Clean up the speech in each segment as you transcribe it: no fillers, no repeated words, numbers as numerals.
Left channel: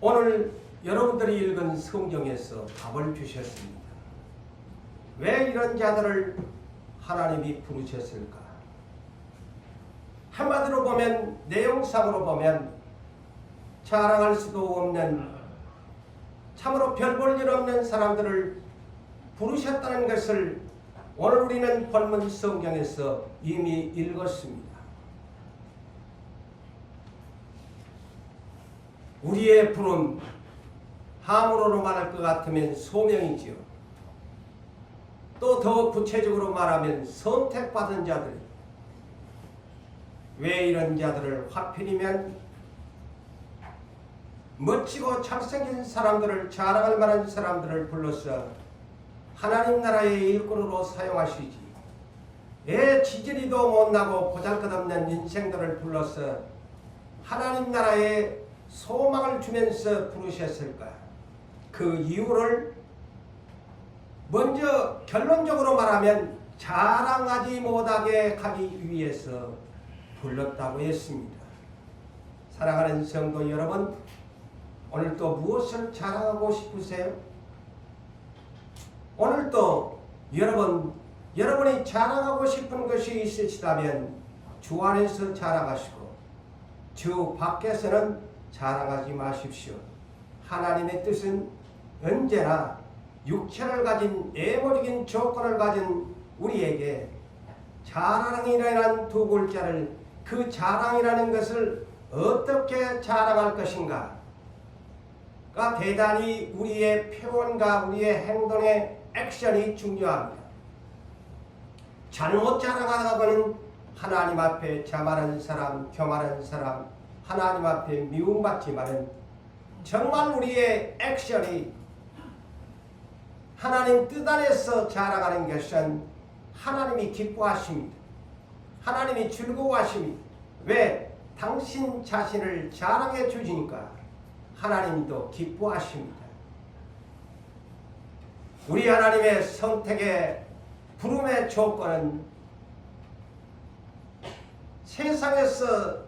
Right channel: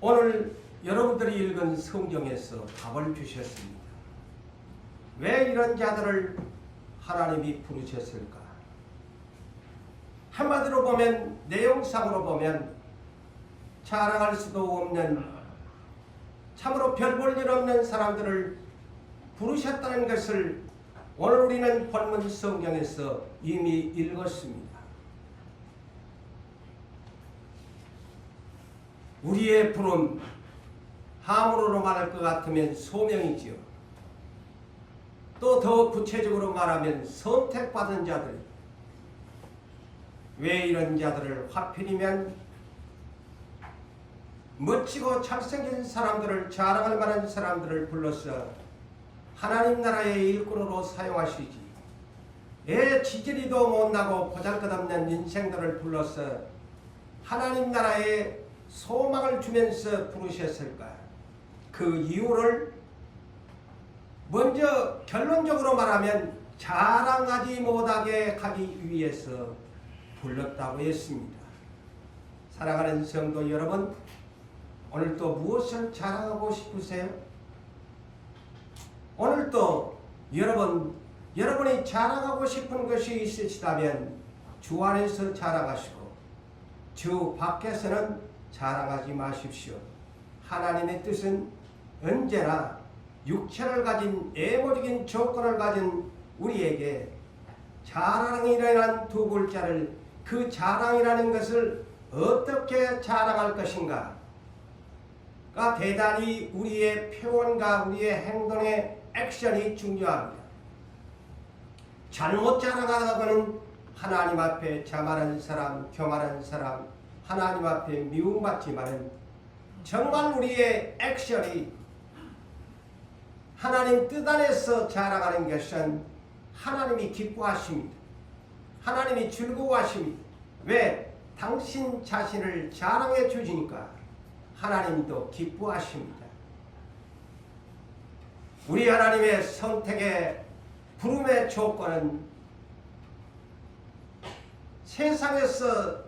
오늘 여러분들이 읽은 성경에서 답을 주셨습니다. 왜 이런 자들을 하나님이 부르셨을까? 한마디로 보면, 내용상으로 보면 자랑할 수도 없는, 참으로 별 볼 일 없는 사람들을 부르셨다는 것을 오늘 우리는 본문 성경에서 이미 읽었습니다. 우리의 부름, 함으로 말할 것 같으면 소명이지요. 또 더 구체적으로 말하면 선택받은 자들. 왜 이런 자들을 하필이면 멋지고 잘생긴 사람들을, 자랑할 만한 사람들을 불러서 하나님 나라의 일꾼으로 사용하시지, 애 지지리도 못나고 보잘것없는 인생들을 불러서 하나님 나라에 소망을 주면서 부르셨을까? 그 이유를 먼저 결론적으로 말하면 자랑하지 못하게 하기 위해서 불렀다고 했습니다. 사랑하는 성도 여러분, 오늘 또 무엇을 자랑하고 싶으세요? 오늘 또 여러분이 자랑하고 싶은 것이 있으시다면 주 안에서 자랑하시고 주 밖에서는 자랑하지 마십시오. 하나님의 뜻은 언제나 육체를 가진, 애모적인 조건을 가진 우리에게 자랑이라는 두 글자를, 그 자랑이라는 것을 어떻게 자랑할 것인가 가 대단히 우리의 표현과 우리의 행동의 액션이 중요합니다. 잘못 자랑하다가는 하나님 앞에 자만한 사람, 교만한 사람, 하나님 앞에 미움받지만은 정말 우리의 액션이 하나님 뜻 안에서 자랑하는 것은 하나님이 기뻐하십니다. 하나님이 즐거워하십니다. 왜? 당신 자신을 자랑해 주시니까 하나님도 기뻐하십니다. 우리 하나님의 선택의 부름의 조건은 세상에서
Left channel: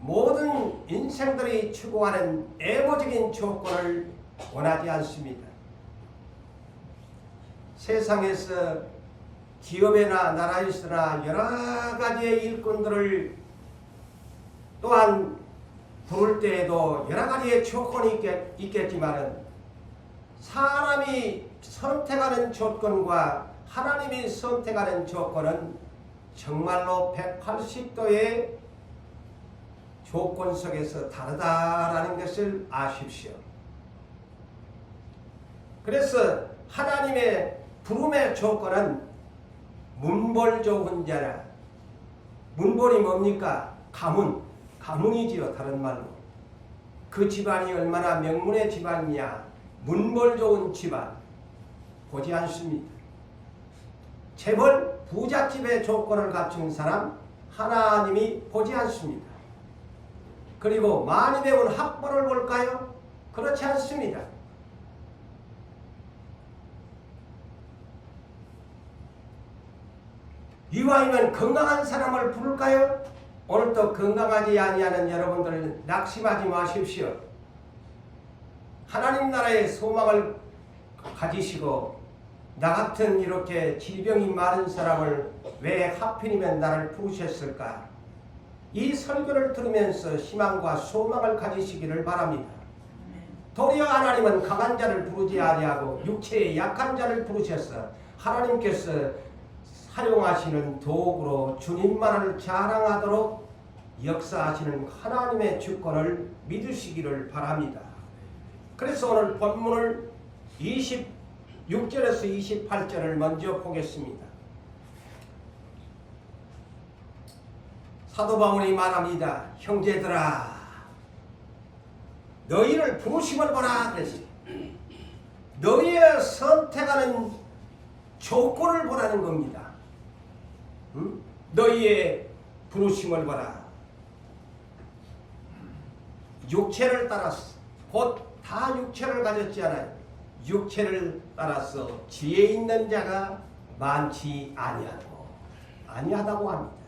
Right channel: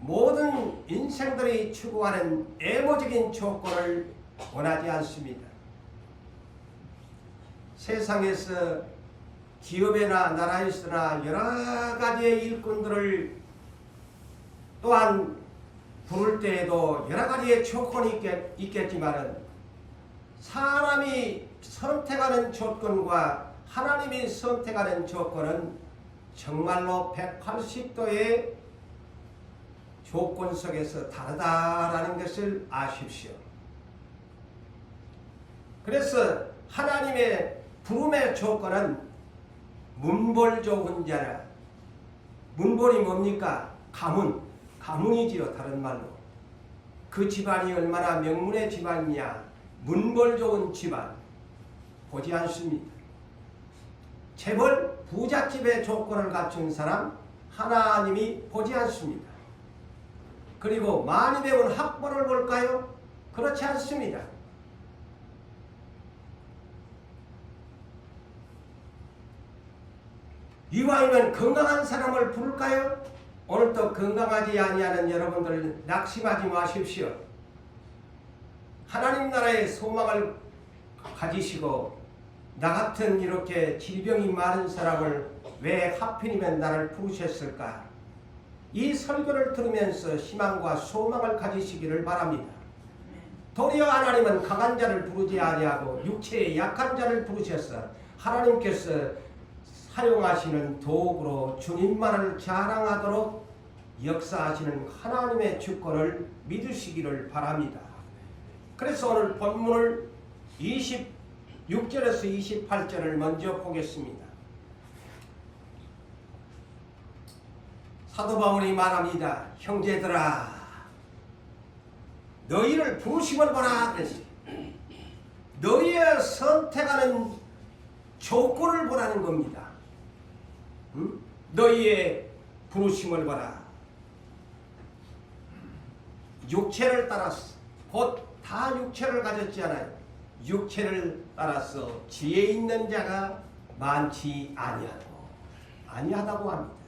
모든 인생들이 추구하는 애모적인 조건을 원하지 않습니다. 세상에서 기업이나 나라에서나 여러 가지의 일꾼들을 또한 부를 때에도 여러 가지의 조건이 있겠지만 사람이 선택하는 조건과 하나님이 선택하는 조건은 정말로 180도의 조건 속에서 다르다라는 것을 아십시오. 그래서 하나님의 부름의 조건은 문벌 좋은 자라. 문벌이 뭡니까? 가문이지요. 다른 말로. 그 집안이 얼마나 명문의 집안이냐, 문벌 좋은 집안 보지 않습니다. 재벌 부잣집의 조건을 갖춘 사람 하나님이 보지 않습니다. 그리고 많이 배운 학벌을 볼까요? 그렇지 않습니다. 이왕이면 건강한 사람을 부를까요? 오늘도 건강하지 아니하는 여러분들 낙심하지 마십시오. 하나님 나라의 소망을 가지시고 나 같은 이렇게 질병이 많은 사람을 왜 하필이면 나를 부르셨을까? 이 설교를 들으면서 희망과 소망을 가지시기를 바랍니다. 도리어 하나님은 강한 자를 부르지 아니하고 육체의 약한 자를 부르셔서 하나님께서 사용하시는 도구로 주님만을 자랑하도록 역사하시는 하나님의 주권을 믿으시기를 바랍니다. 그래서 오늘 본문을 26절에서 28절을 먼저 보겠습니다. 사도 바울이 말합니다. 형제들아, 너희를 부르심을 보라 그랬어요. 너희의 선택하는 조건을 보라는 겁니다. 너희의 부르심을 보라. 육체를 따라서, 곧 다 육체를 가졌지 않아요. 육체를 따라서 지혜 있는 자가 많지 아니하다고 합니다.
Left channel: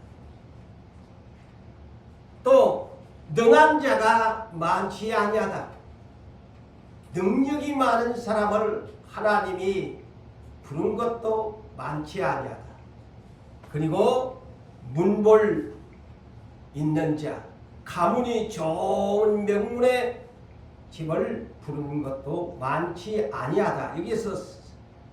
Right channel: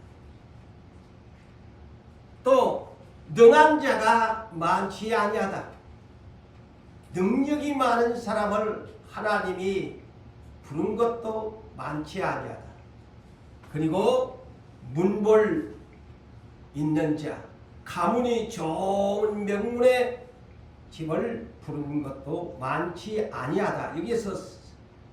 또 능한 자가 많지 아니하다. 능력이 많은 사람을 하나님이 부른 것도 많지 아니하다. 그리고 문볼 있는 자, 가문이 좋은 명문의 집을 부른 것도 많지 아니하다. 여기서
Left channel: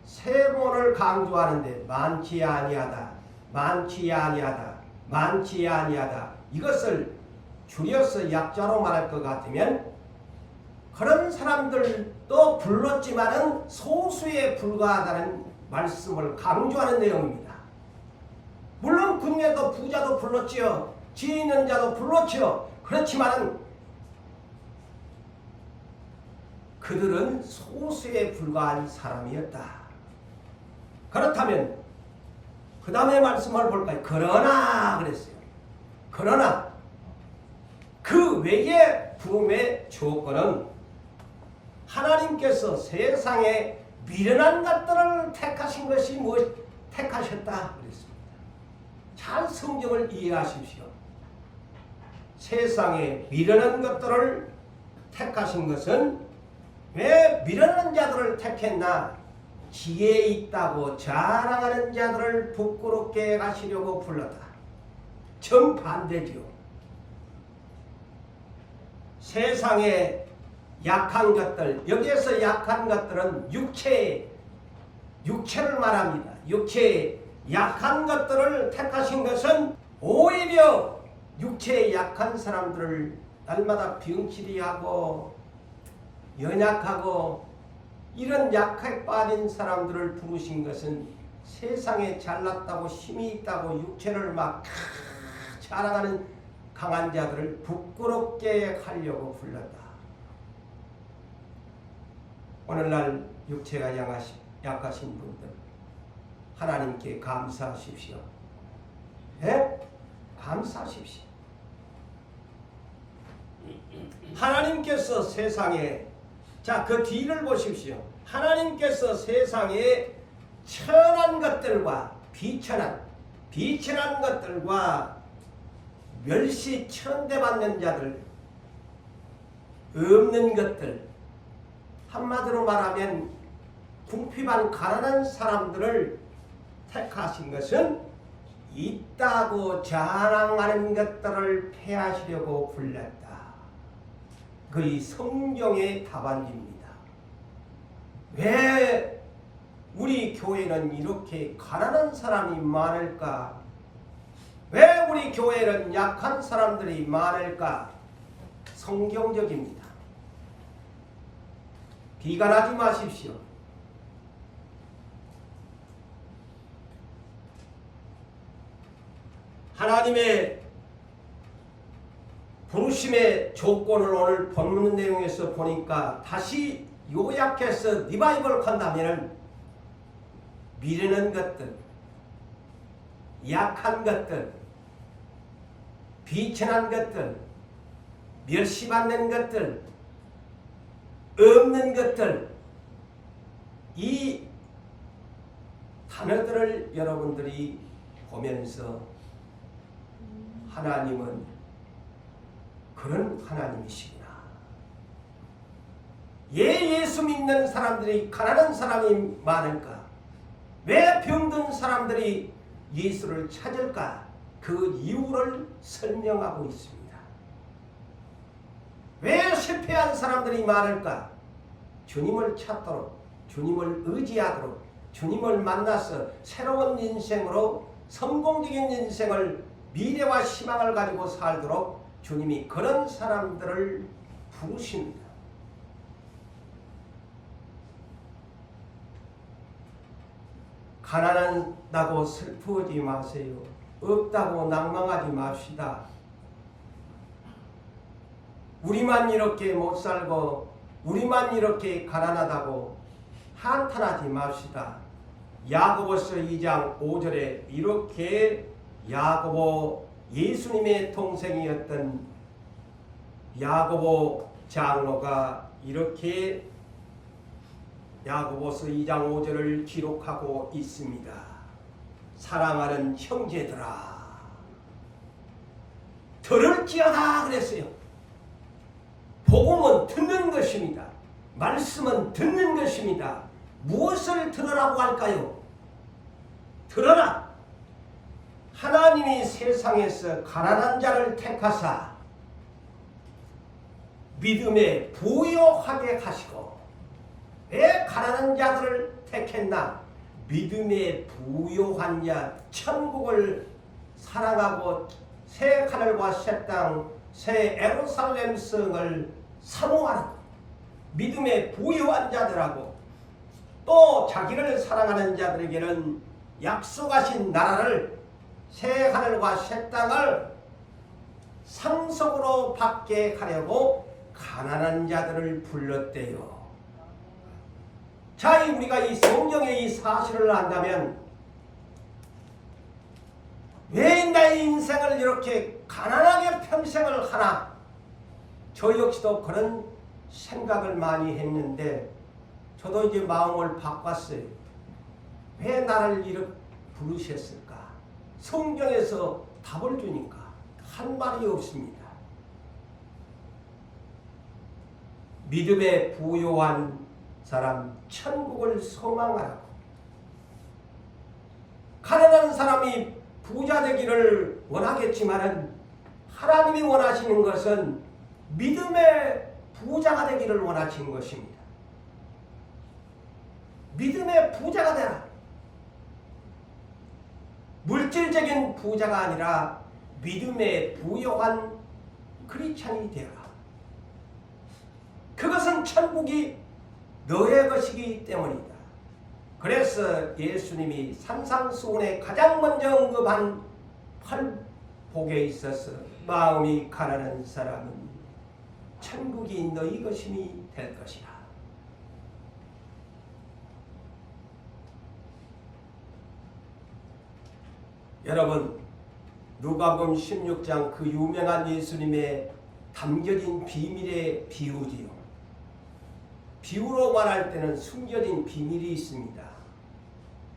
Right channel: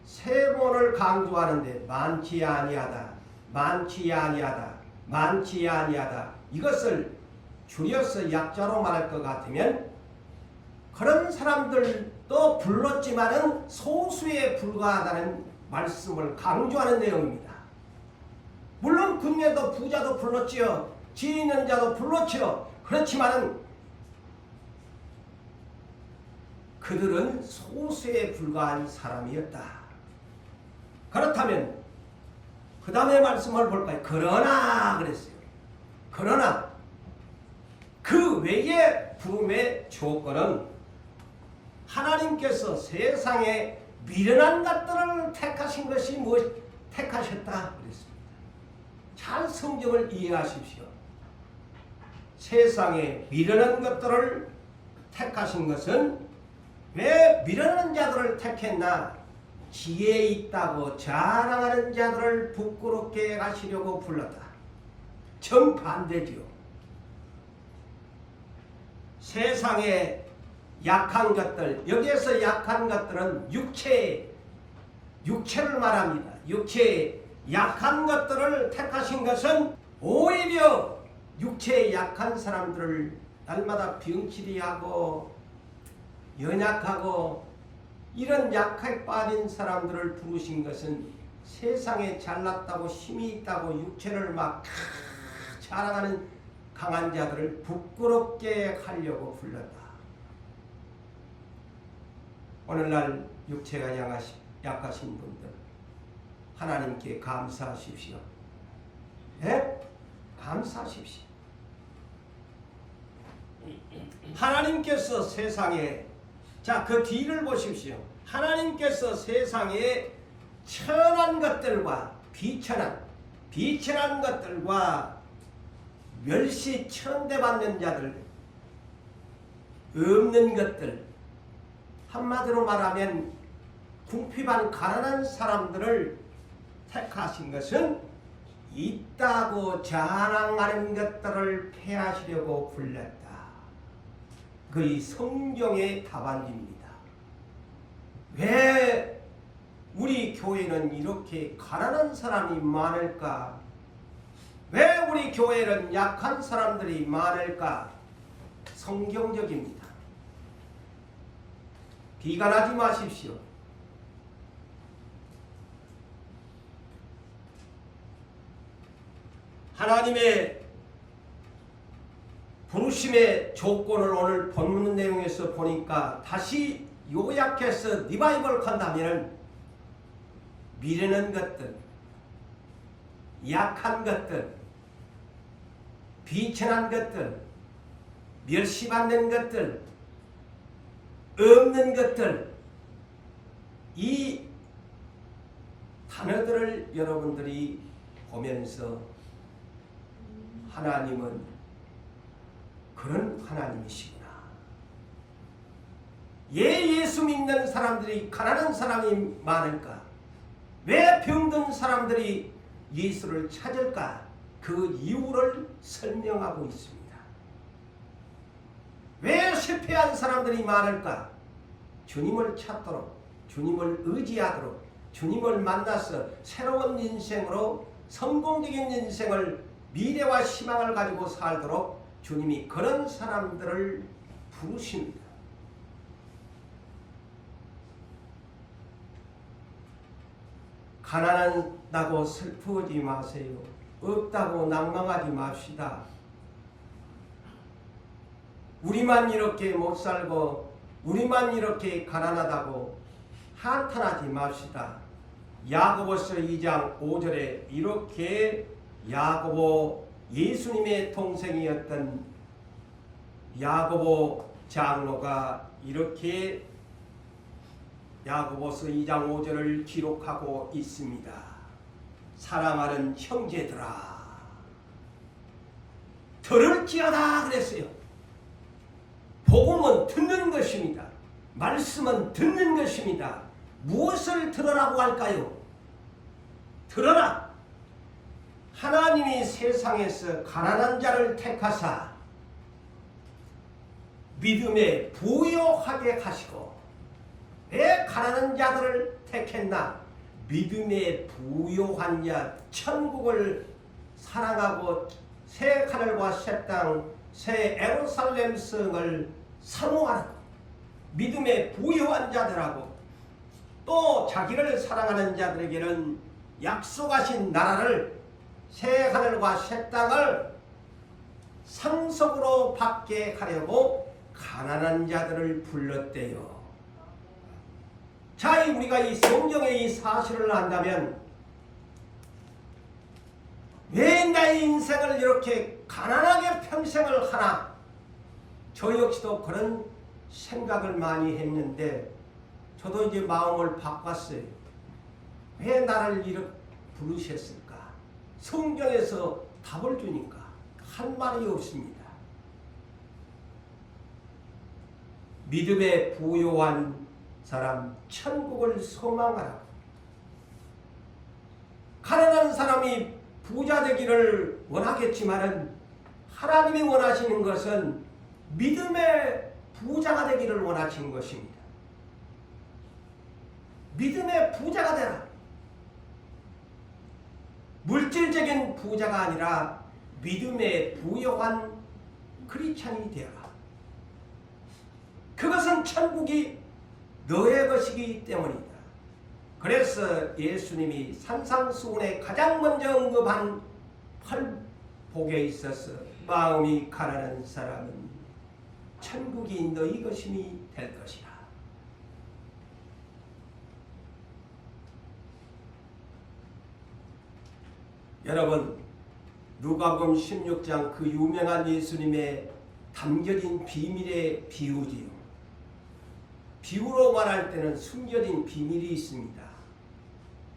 세 번을 강조하는데 많지 아니하다, 많지 아니하다, 많지 아니하다. 이것을 줄여서 약자로 말할 것 같으면 그런 사람들도 불렀지만은 소수에 불과하다는 말씀을 강조하는 내용입니다. 물론 군대도 부자도 불렀지요. 지혜 있는 자도 불렀지요. 그렇지만은 그들은 소수에 불과한 사람이었다. 그렇다면 그 다음에 말씀을 볼까요? 그러나 그랬어요. 그러나 그 외의 부름의 조건은 하나님께서 세상에 미련한 것들을 택하신 것이 택하셨다 그랬습니다. 잘 성경을 이해하십시오. 세상에 미련한 것들을 택하신 것은 왜 미련한 자들을 택했나? 지혜 있다고 자랑하는 자들을 부끄럽게 하시려고 불렀다. 정반대죠. 세상에 약한 것들, 여기에서 약한 것들은 육체를 말합니다. 육체의 약한 것들을 택하신 것은 오히려 육체에 약한 사람들을 날마다 병치리하고 연약하고 이런 약하게 빠진 사람들을 부르신 것은 세상에 잘났다고 힘이 있다고 육체를 막 자랑하는 강한 자들을 부끄럽게 하려고 불렀다. 오늘날 육체가 약하신 분들 하나님께 감사하십시오. 네? 감사하십시오. 하나님께서 세상에 그 뒤를 보십시오. 하나님께서 세상에 천한 것들과 비천한 것들과 멸시 천대받는 자들, 없는 것들, 한마디로 말하면 궁핍한 가난한 사람들을 택하신 것은 있다고 자랑하는 것들을 폐하시려고 불렀다. 그의 성경의 답안입니다. 왜 우리 교회는 이렇게 가난한 사람이 많을까? 왜 우리 교회는 약한 사람들이 많을까? 성경적입니다. 비관하지 마십시오. 하나님의 부르심의 조건을 오늘 본문 내용에서 보니까 다시 요약해서 리바이벌 한다면 미련한 것들, 약한 것들, 비천한 것들, 멸시받는 것들, 없는 것들, 이 단어들을 여러분들이 보면서 하나님은 그런 하나님이시구나. 예수 믿는 사람들이 가난한 사람이 많을까? 왜 병든 사람들이 예수를 찾을까? 그 이유를 설명하고 있습니다. 왜 실패한 사람들이 많을까? 주님을 찾도록, 주님을 의지하도록, 주님을 만나서 새로운 인생으로 성공적인 인생을 미래와 희망을 가지고 살도록 주님이 그런 사람들을 부르십니다. 가난하다고 슬프지 마세요. 없다고 낭망하지 맙시다. 우리만 이렇게 못 살고 우리만 이렇게 가난하다고 한탄하지 맙시다. 야고보서 2장 5절에 이렇게 야고보 예수님의 동생이었던 야고보 장로가 이렇게 야고보서 2장 5절을 기록하고 있습니다. 사랑하는 형제들아, 들을지어다 그랬어요. 복음은 듣는 것입니다. 말씀은 듣는 것입니다. 무엇을 들으라고 할까요? 들어라. 하나님이 세상에서 가난한 자를 택하사 믿음에 부요하게 하시고, 왜 가난한 자들을 택했나? 믿음에 부요한 자, 천국을 사랑하고 새 하늘과 새 땅, 새 예루살렘 성을 사모하는 믿음에 부요한 자들하고, 또 자기를 사랑하는 자들에게는 약속하신 나라를, 새 하늘과 새 땅을 상속으로 받게 하려고 가난한 자들을 불렀대요. 자, 우리가 이 성경의 이 사실을 안다면 왜 나의 인생을 이렇게 가난하게 평생을 하나? 저 역시도 그런 생각을 많이 했는데, 저도 이제 마음을 바꿨어요. 왜 나를 이렇게 부르셨을까? 성경에서 답을 주니까 한 말이 없습니다. 믿음에 부요한 사람, 천국을 소망하라고. 가난한 사람이 부자 되기를 원하겠지만은 하나님이 원하시는 것은 믿음의 부자가 되기를 원하시는 것입니다. 믿음의 부자가 되라. 물질적인 부자가 아니라 믿음에 부요한 크리스찬이 되어라. 그것은 천국이 너의 것이기 때문이다. 그래서 예수님이 산상수훈에 가장 먼저 언급한 팔복에 있어서 마음이 가난한 사람은 천국이 너희 것임이 될 것이다. 여러분, 누가복음 16장 그 유명한 예수님의 담겨진 비밀의 비유지요. 비유로 말할 때는 숨겨진 비밀이 있습니다.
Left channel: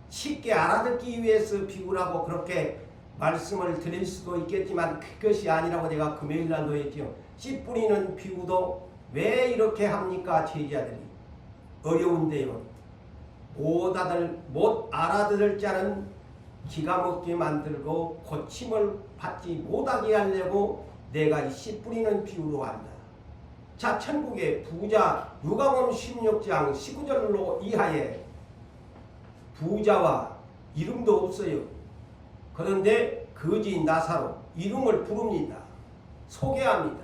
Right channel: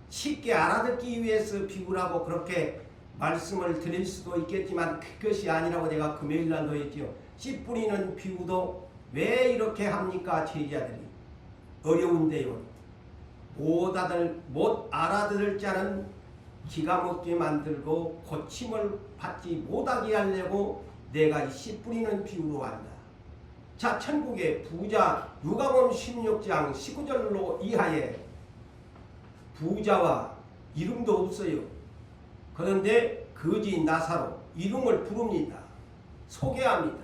쉽게 알아듣기 위해서 비유라고 그렇게 말씀을 드릴 수도 있겠지만 그것이 아니라고 제가 금요일날도 했죠. 씨 뿌리는 비유도 왜 이렇게 합니까? 제자들이 어려운데요. 못 알아들을 자는 기가 막히게 만들고 고침을 받지 못하게 하려고 내가 이 씨 뿌리는 비유로 한다. 자, 천국의 부자, 누가복음 16장 19절로 이하에 부자와 이름도 없어요. 그런데 거지 나사로 이름을 부릅니다. 소개합니다.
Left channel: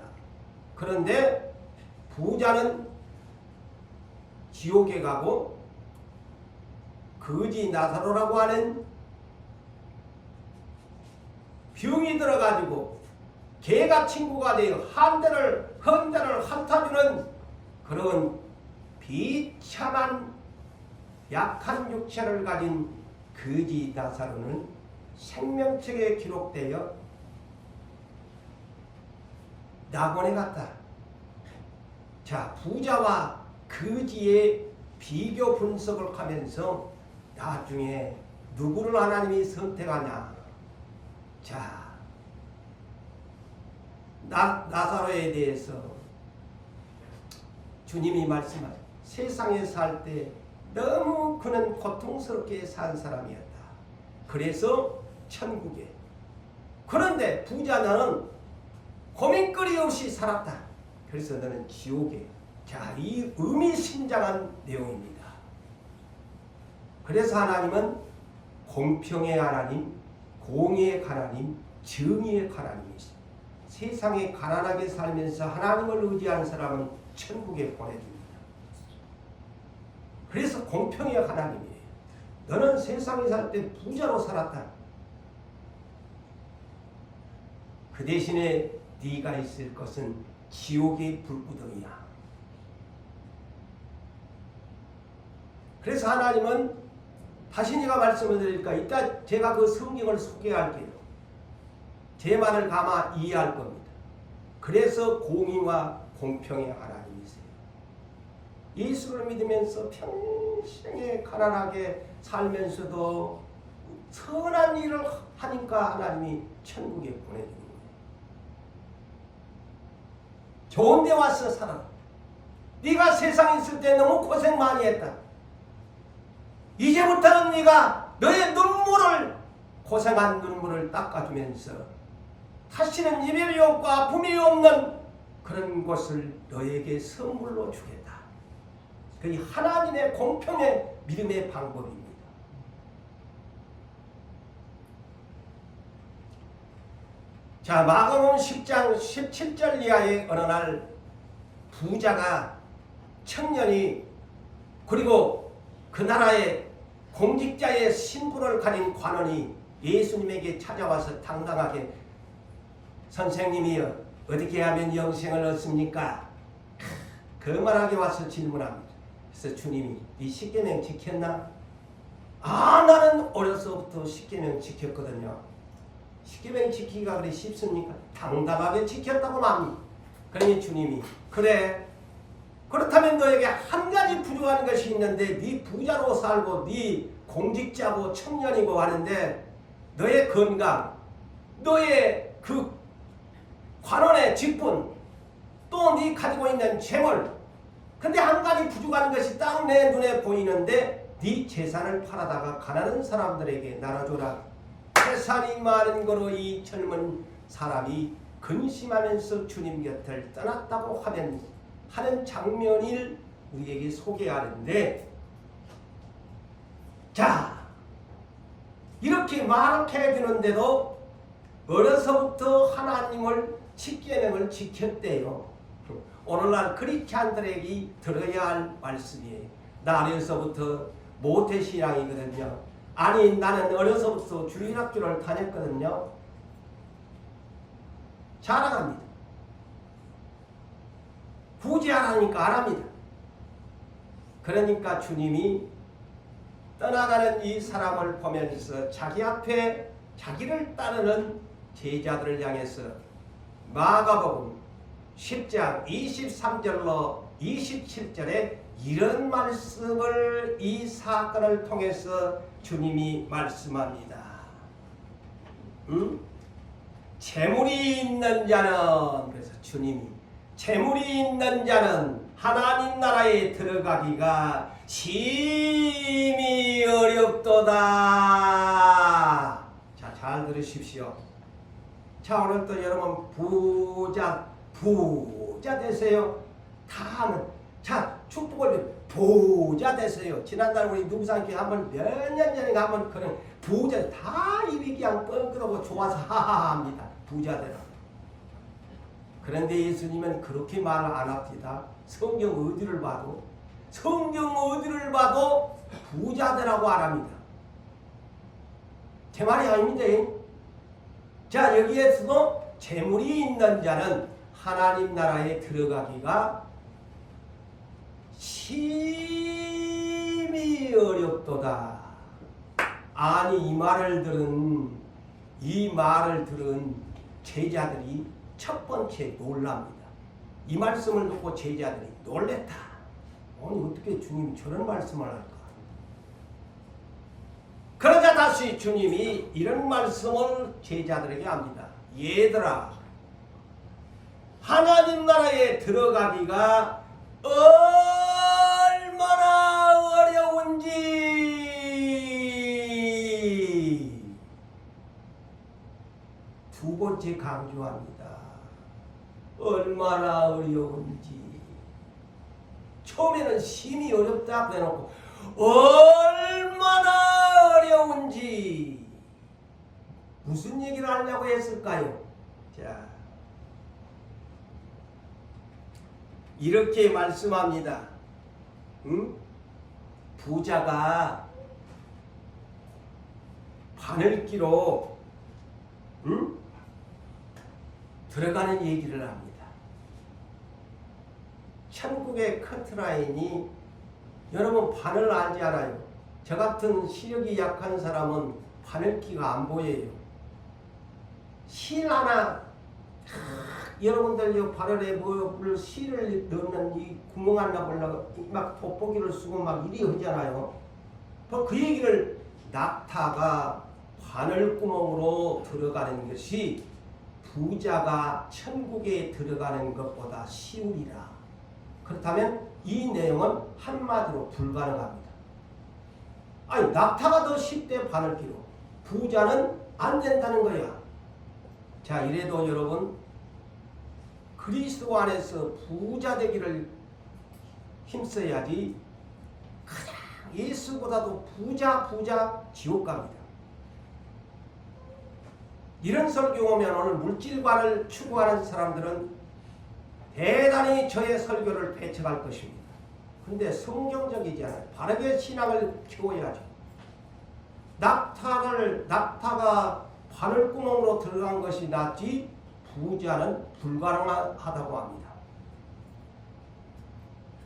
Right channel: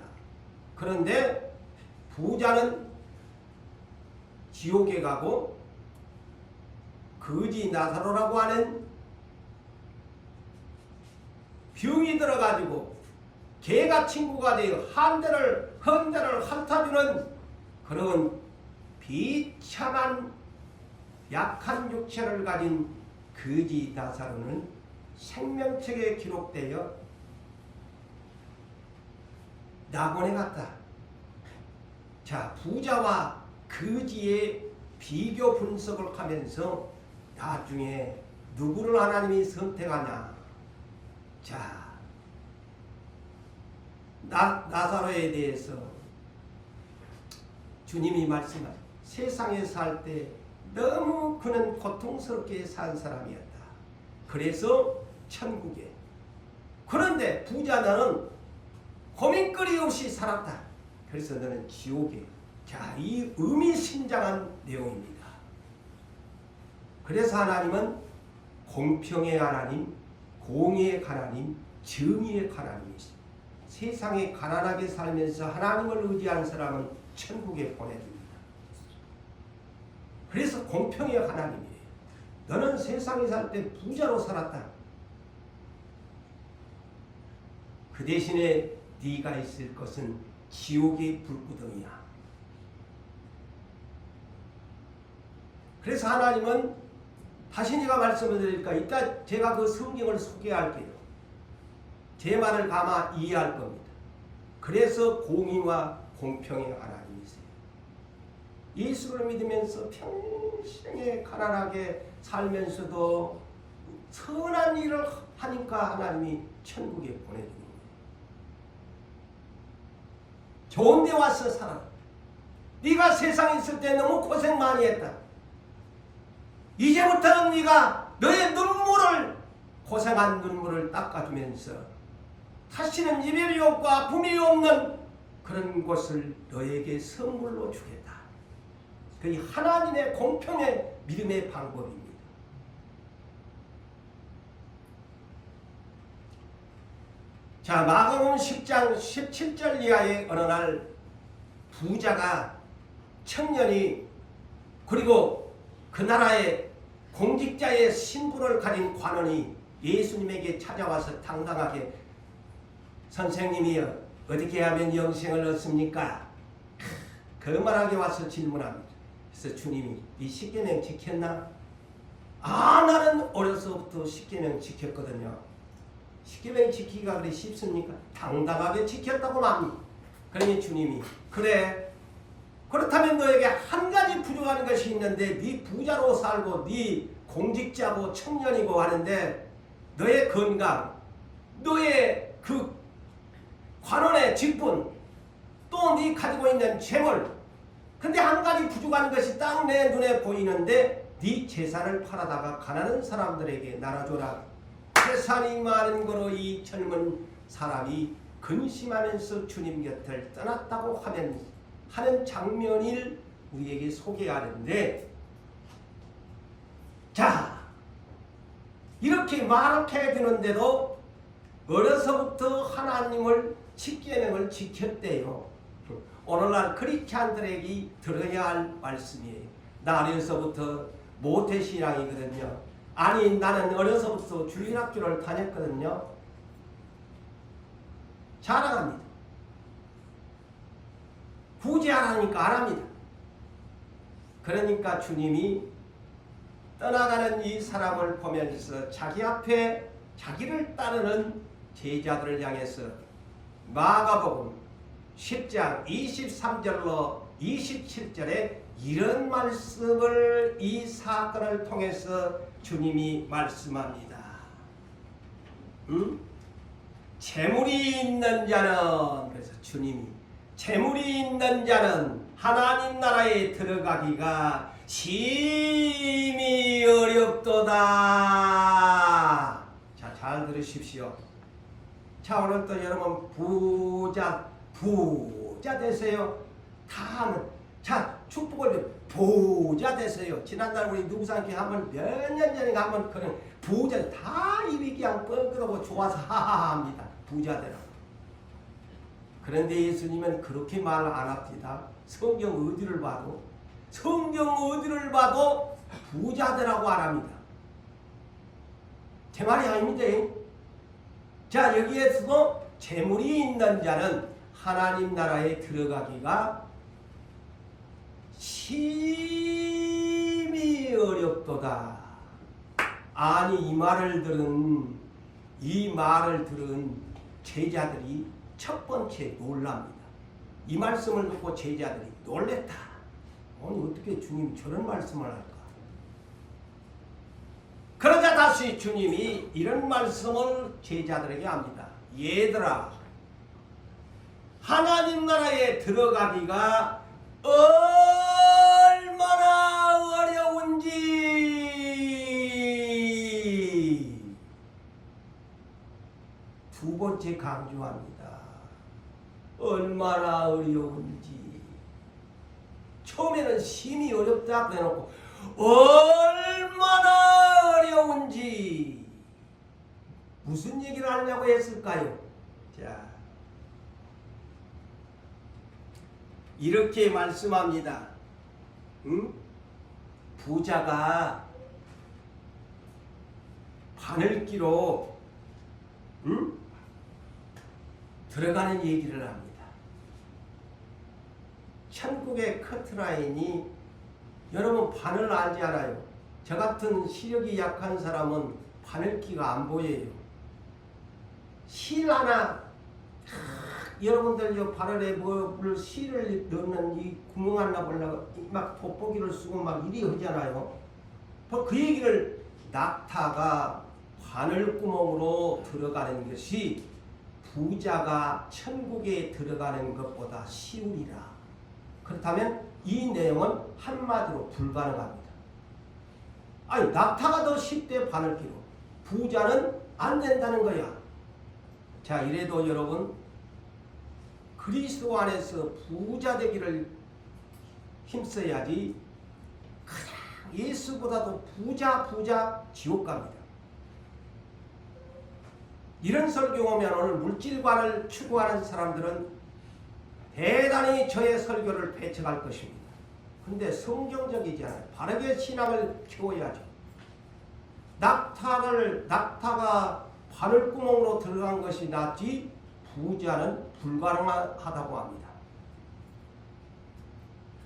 그런데 부자는 지옥에 가고 거지 나사로라고 하는 병이 들어가지고 개가 친구가 되어 헌대를 핥아주는 그런 비참한 약한 육체를 가진 거지 나사로는 생명책에 기록되어 낙원에 갔다. 자, 부자와 거지의 비교 분석을 하면서 나중에 누구를 하나님이 선택하냐. 자, 나사로에 대해서 주님이 말씀하신, 세상에 살 때 너무 그는 고통스럽게 산 사람이었다. 그래서 천국에. 그런데 부자는 고민거리 없이 살았다. 그래서 너는 지옥에. 자, 이 의미심장한 내용입니다. 그래서 하나님은 공평의 하나님, 공의의 하나님, 정의의 하나님이십니다. 세상에 가난하게 살면서 하나님을 의지하는 사람은 천국에 보내줍니다. 그래서 공평의 하나님이에요. 너는 세상에 살 때 부자로 살았다. 그 대신에 네가 있을 것은 지옥의 불구덩이야. 그래서 하나님은 다시 제가 말씀을 드릴까? 이따 제가 그 성경을 소개할게요. 제 말을 아마 이해할 겁니다. 그래서 공의와 공평의 하나님이세요. 예수를 믿으면서 평생에 가난하게 살면서도 선한 일을 하니까 하나님이 천국에 보내주는 거예요. 좋은 데 와서 살아라. 네가 세상에 있을 때 너무 고생 많이 했다. 이제부터는 네가 너의 눈물을, 고생한 눈물을 닦아주면서 다시는 이별이 없고 아픔이 없는 그런 것을 너에게 선물로 주겠다. 그게 하나님의 공평의 믿음의 방법입니다. 자, 마가복음 10장 17절 이하의 어느 날 부자가, 청년이, 그리고 그 나라의 공직자의 신분을 가진 관원이 예수님에게 찾아와서 당당하게 선생님이여 어떻게 하면 영생을 얻습니까? 그 말하게 와서 질문합니다. 그래서 주님이 네 십계명 지켰나? 아, 나는 어려서부터 십계명 지켰거든요. 십계명 지키기가 그래 쉽습니까? 당당하게 지켰다고 합니다. 그러니 주님이 그래, 그렇다면 너에게 한 가지 부족한 것이 있는데 네 부자로 살고 네 공직자고 청년이고 하는데 너의 건강, 너의 그 관원의 직분, 또 네 가지고 있는 재물, 근데 한 가지 부족한 것이 딱 내 눈에 보이는데 네 재산을 팔아다가 가난한 사람들에게 나눠줘라. 재산이 많은 거로 이 젊은 사람이 근심하면서 주님 곁을 떠났다고 하는 장면을 우리에게 소개하는데, 자, 이렇게 많게 해주는데도 어려서부터 하나님을 십계명을 지켰대요. 오늘날 크리스찬들에게 들어야 할 말씀이에요. 나 어려서부터 모태신앙이거든요. 아니, 나는 어려서부터 주일학교를 다녔거든요. 자랑합니다. 굳이 안 하니까 안 합니다. 그러니까 주님이 떠나가는 이 사람을 보면서 자기 앞에 자기를 따르는 제자들을 향해서 마가복음 10장 23절로 27절에 이런 말씀을, 이 사건을 통해서 주님이 말씀합니다. 재물이 있는 자는, 그래서 주님이 재물이 있는 자는 하나님 나라에 들어가기가 심히 어렵도다. 자, 잘 들으십시오. 자, 오늘 또 여러분 부자 되세요. 다 아는, 자, 축복을 부자 되세요. 지난달 우리 누구상께 한번 몇 년 전에 한번 그런 부자 다 입이 그냥 뻥끗하고 좋아서 하하합니다. 부자 되라. 그런데 예수님은 그렇게 말 안 합니다. 성경 어디를 봐도 부자 되라고 안 합니다. 제 말이 아닙니다. 자, 여기에서도 재물이 있는 자는 하나님 나라에 들어가기가 심히 어렵도다. 아니, 이 말을 들은 제자들이 첫 번째 놀랍니다. 이 말씀을 듣고 제자들이 놀랬다. 아니, 어떻게 주님이 저런 말씀을 할까? 그러자 다시 주님이 이런 말씀을 제자들에게 합니다. 얘들아, 하나님 나라에 들어가기가 얼마나 어려운지 두 번째 강조합니다. 얼마나 어려운지. 처음에는 심히 어렵다 그래놓고 얼마나 어려운지 무슨 얘기를 하려고 했을까요? 자, 이렇게 말씀합니다. 부자가 바늘기로 들어가는 얘기를 합니다. 천국의 커트라인이, 여러분 바늘 알지 않아요? 저 같은 시력이 약한 사람은 바늘기가 안 보여요. 실 하나, 여러분들 바늘에 실을 넣는 이 구멍 하나 보려고 막 돋보기를 쓰고 막 이리 하잖아요. 그 얘기를, 낙타가 바늘구멍으로 들어가는 것이 부자가 천국에 들어가는 것보다 쉬우리라. 그렇다면 이 내용은 한마디로 불가능합니다. 아니 낙타가 더 10대 바늘기로 부자는 안 된다는 거야. 자, 이래도 여러분 그리스도 안에서 부자 되기를 힘써야지 가장 예수보다도 부자 지옥 갑니다. 이런 설교 오면 오늘 물질관을 추구하는 사람들은 대단히 저의 설교를 배척할 것입니다. 근데 성경적이지 않아요. 바르게 신앙을 키워야죠. 낙타가 바늘구멍으로 들어간 것이 낫지 부자는 불가능하다고 합니다.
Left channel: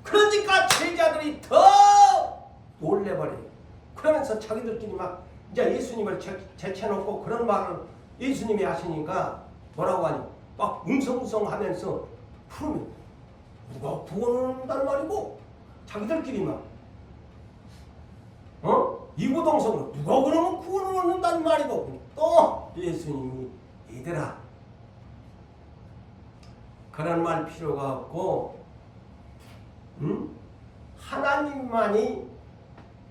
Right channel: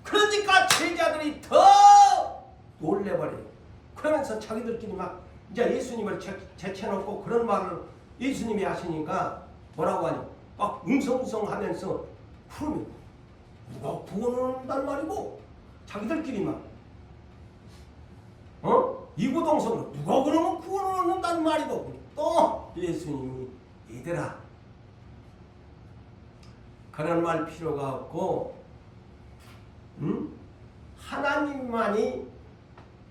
그러니까 제자들이 더 놀래버려요. 그러면서 자기들끼리 막 이제 예수님을 제쳐놓고 그런 말을 예수님이 하시니까 뭐라고 하니? 막 웅성웅성하면서 그러면 누가 구원한단 말이고 자기들끼리 막 이구동성으로 누가 그러면 구원을 얻는단 말이고 또 예수님이 얘들아 그런 말 필요가 없고 하나님만이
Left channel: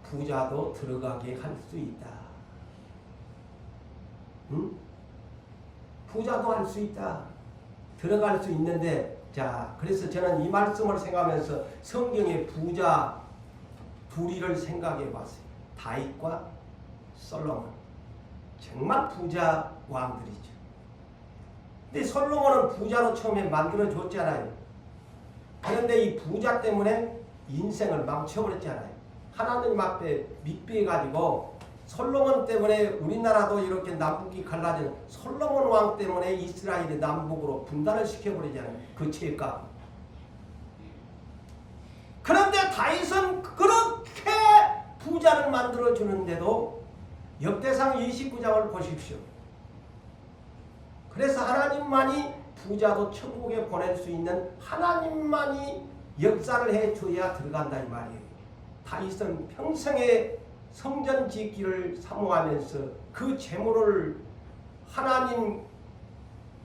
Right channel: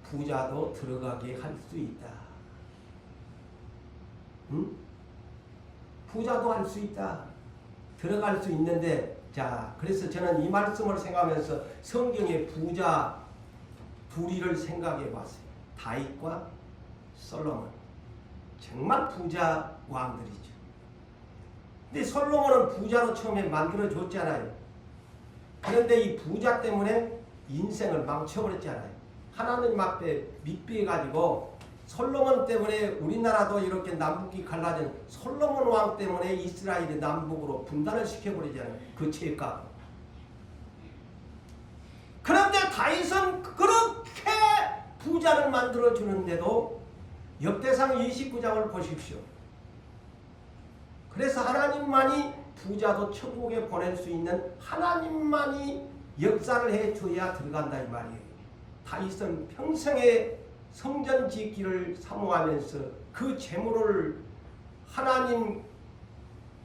부자도 들어가게 할 수 있다. 부자도 할 수 있다. 들어갈 수 있는데 자 그래서 저는 이 말씀을 생각하면서 성경의 부자 둘이를 생각해 봤어요. 다윗과 솔로몬. 정말 부자 왕들이죠. 근데 솔로몬은 부자로 처음에 만들어줬잖아요. 그런데 이 부자 때문에 인생을 망쳐버렸잖아요. 하나님 앞에 밋비해가지고 솔로몬 때문에 우리나라도 이렇게 남북이 갈라진 솔로몬 왕 때문에 이스라엘이 남북으로 분단을 시켜버리잖아요. 그 죄값. 그런데 다윗은 그렇게 부자를 만들어주는데도 역대상 29장을 보십시오. 그래서 하나님만이 부자도 천국에 보낼 수 있는 하나님만이 역사를 해줘야 들어간다 이 말이에요. 다윗은 평생에 성전 짓기를 사모하면서 그 재물을 하나님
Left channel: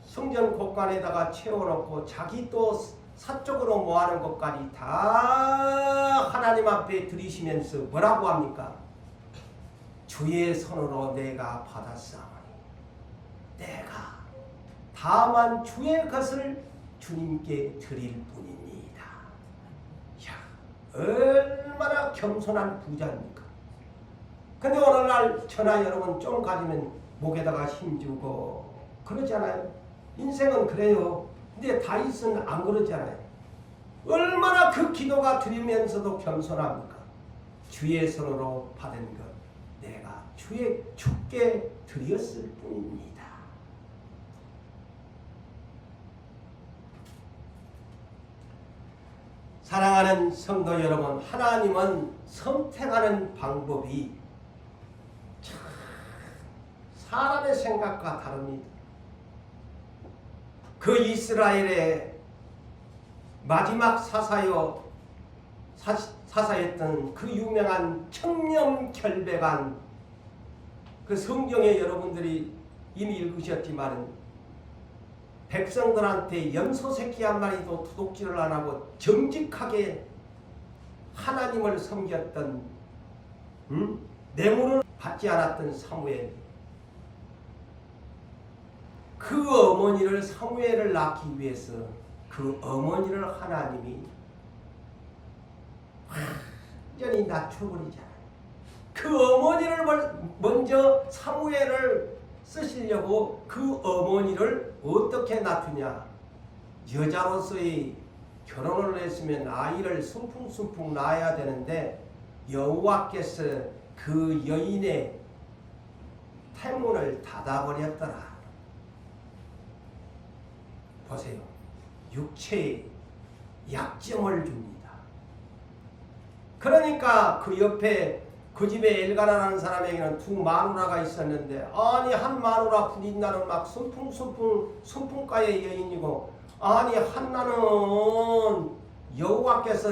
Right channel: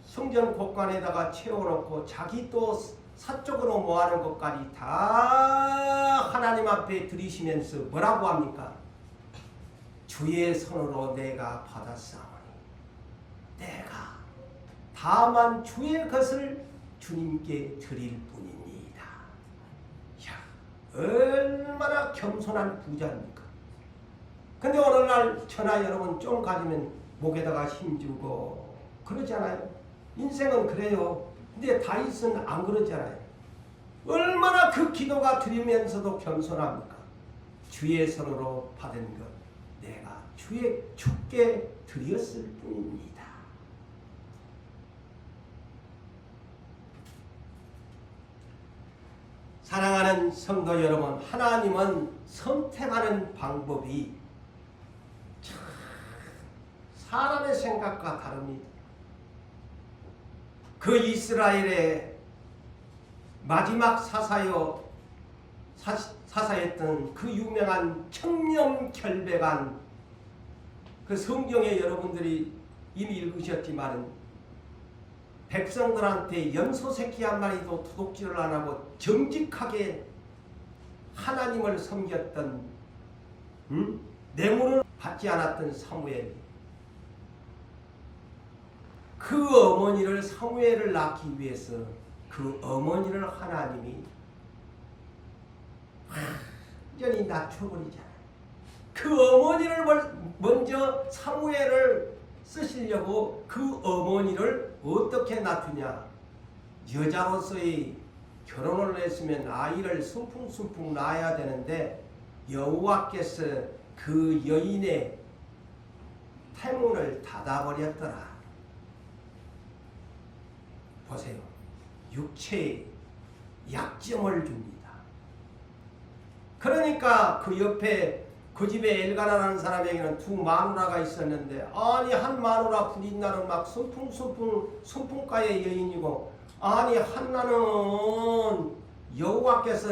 성전 곳간에다가 채워놓고 자기 또 사적으로 모아놓은 것까지 다 하나님 앞에 드리시면서 뭐라고 합니까? 주의 손으로 내가 받았사오니 내가 다만 주의 것을 주님께 드릴 뿐입니다. 야, 얼마나 겸손한 부자입니까? 근데 오늘날 저나 여러분 좀 가지면 목에다가 힘주고 그러잖아요. 인생은 그래요. 근데 다윗은 안 그러잖아요. 얼마나 그 기도가 드리면서도 겸손합니까? 주의 손으로 받은 것 내가 주께 드렸을 뿐입니다. 사랑하는 성도 여러분, 하나님은 선택하는 방법이 참 사람의 생각과 다릅니다. 그 이스라엘의 마지막 사사였던 그 유명한 청렴결백한 그 성경에 여러분들이 이미 읽으셨지만 백성들한테 염소 새끼 한 마리도 도둑질을 안 하고 정직하게 하나님을 섬겼던 뇌물을 받지 않았던 사무엘. 그 어머니를 사무엘을 낳기 위해서 그 어머니를 하나님이 완전히 낮춰버리잖아요. 그 어머니를 먼저 사무엘을 쓰시려고 그 어머니를 어떻게 낮추냐. 여자로서의 결혼을 했으면 아이를 순풍순풍 낳아야 되는데 여호와께서 그 여인의 태문을 닫아버렸더라. 보세요. 육체에 약점을 줍니다. 그러니까 그 옆에 그 집에 엘가나라는 사람에게는 두 마누라가 있었는데 아니 한 마누라 부린나는 막 순풍가의 여인이고 아니 한나는 여호와께서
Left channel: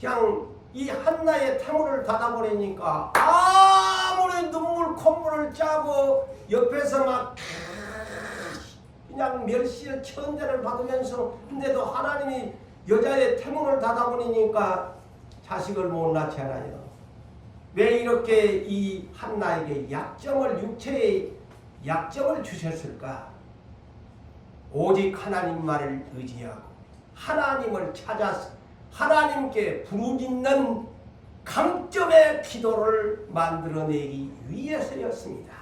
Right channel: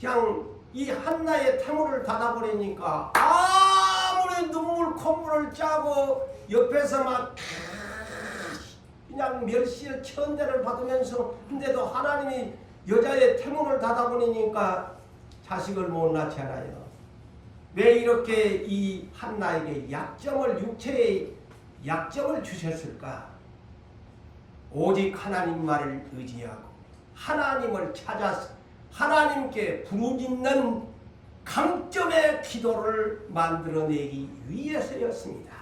그냥 이 한나의 태물을 닫아버리니까 아무리 콧물을 짜고 옆에서 막 그냥 멸시를 천대를 받으면서 근데도 하나님이 여자의 태문을 닫아버리니까 자식을 못 낳잖아요. 왜 이렇게 이 한나에게 육체의 약점을 주셨을까? 오직 하나님 말을 의지하고 하나님을 찾아서 하나님께 부르짖는 강점의 기도를 만들어내기 위해서였습니다.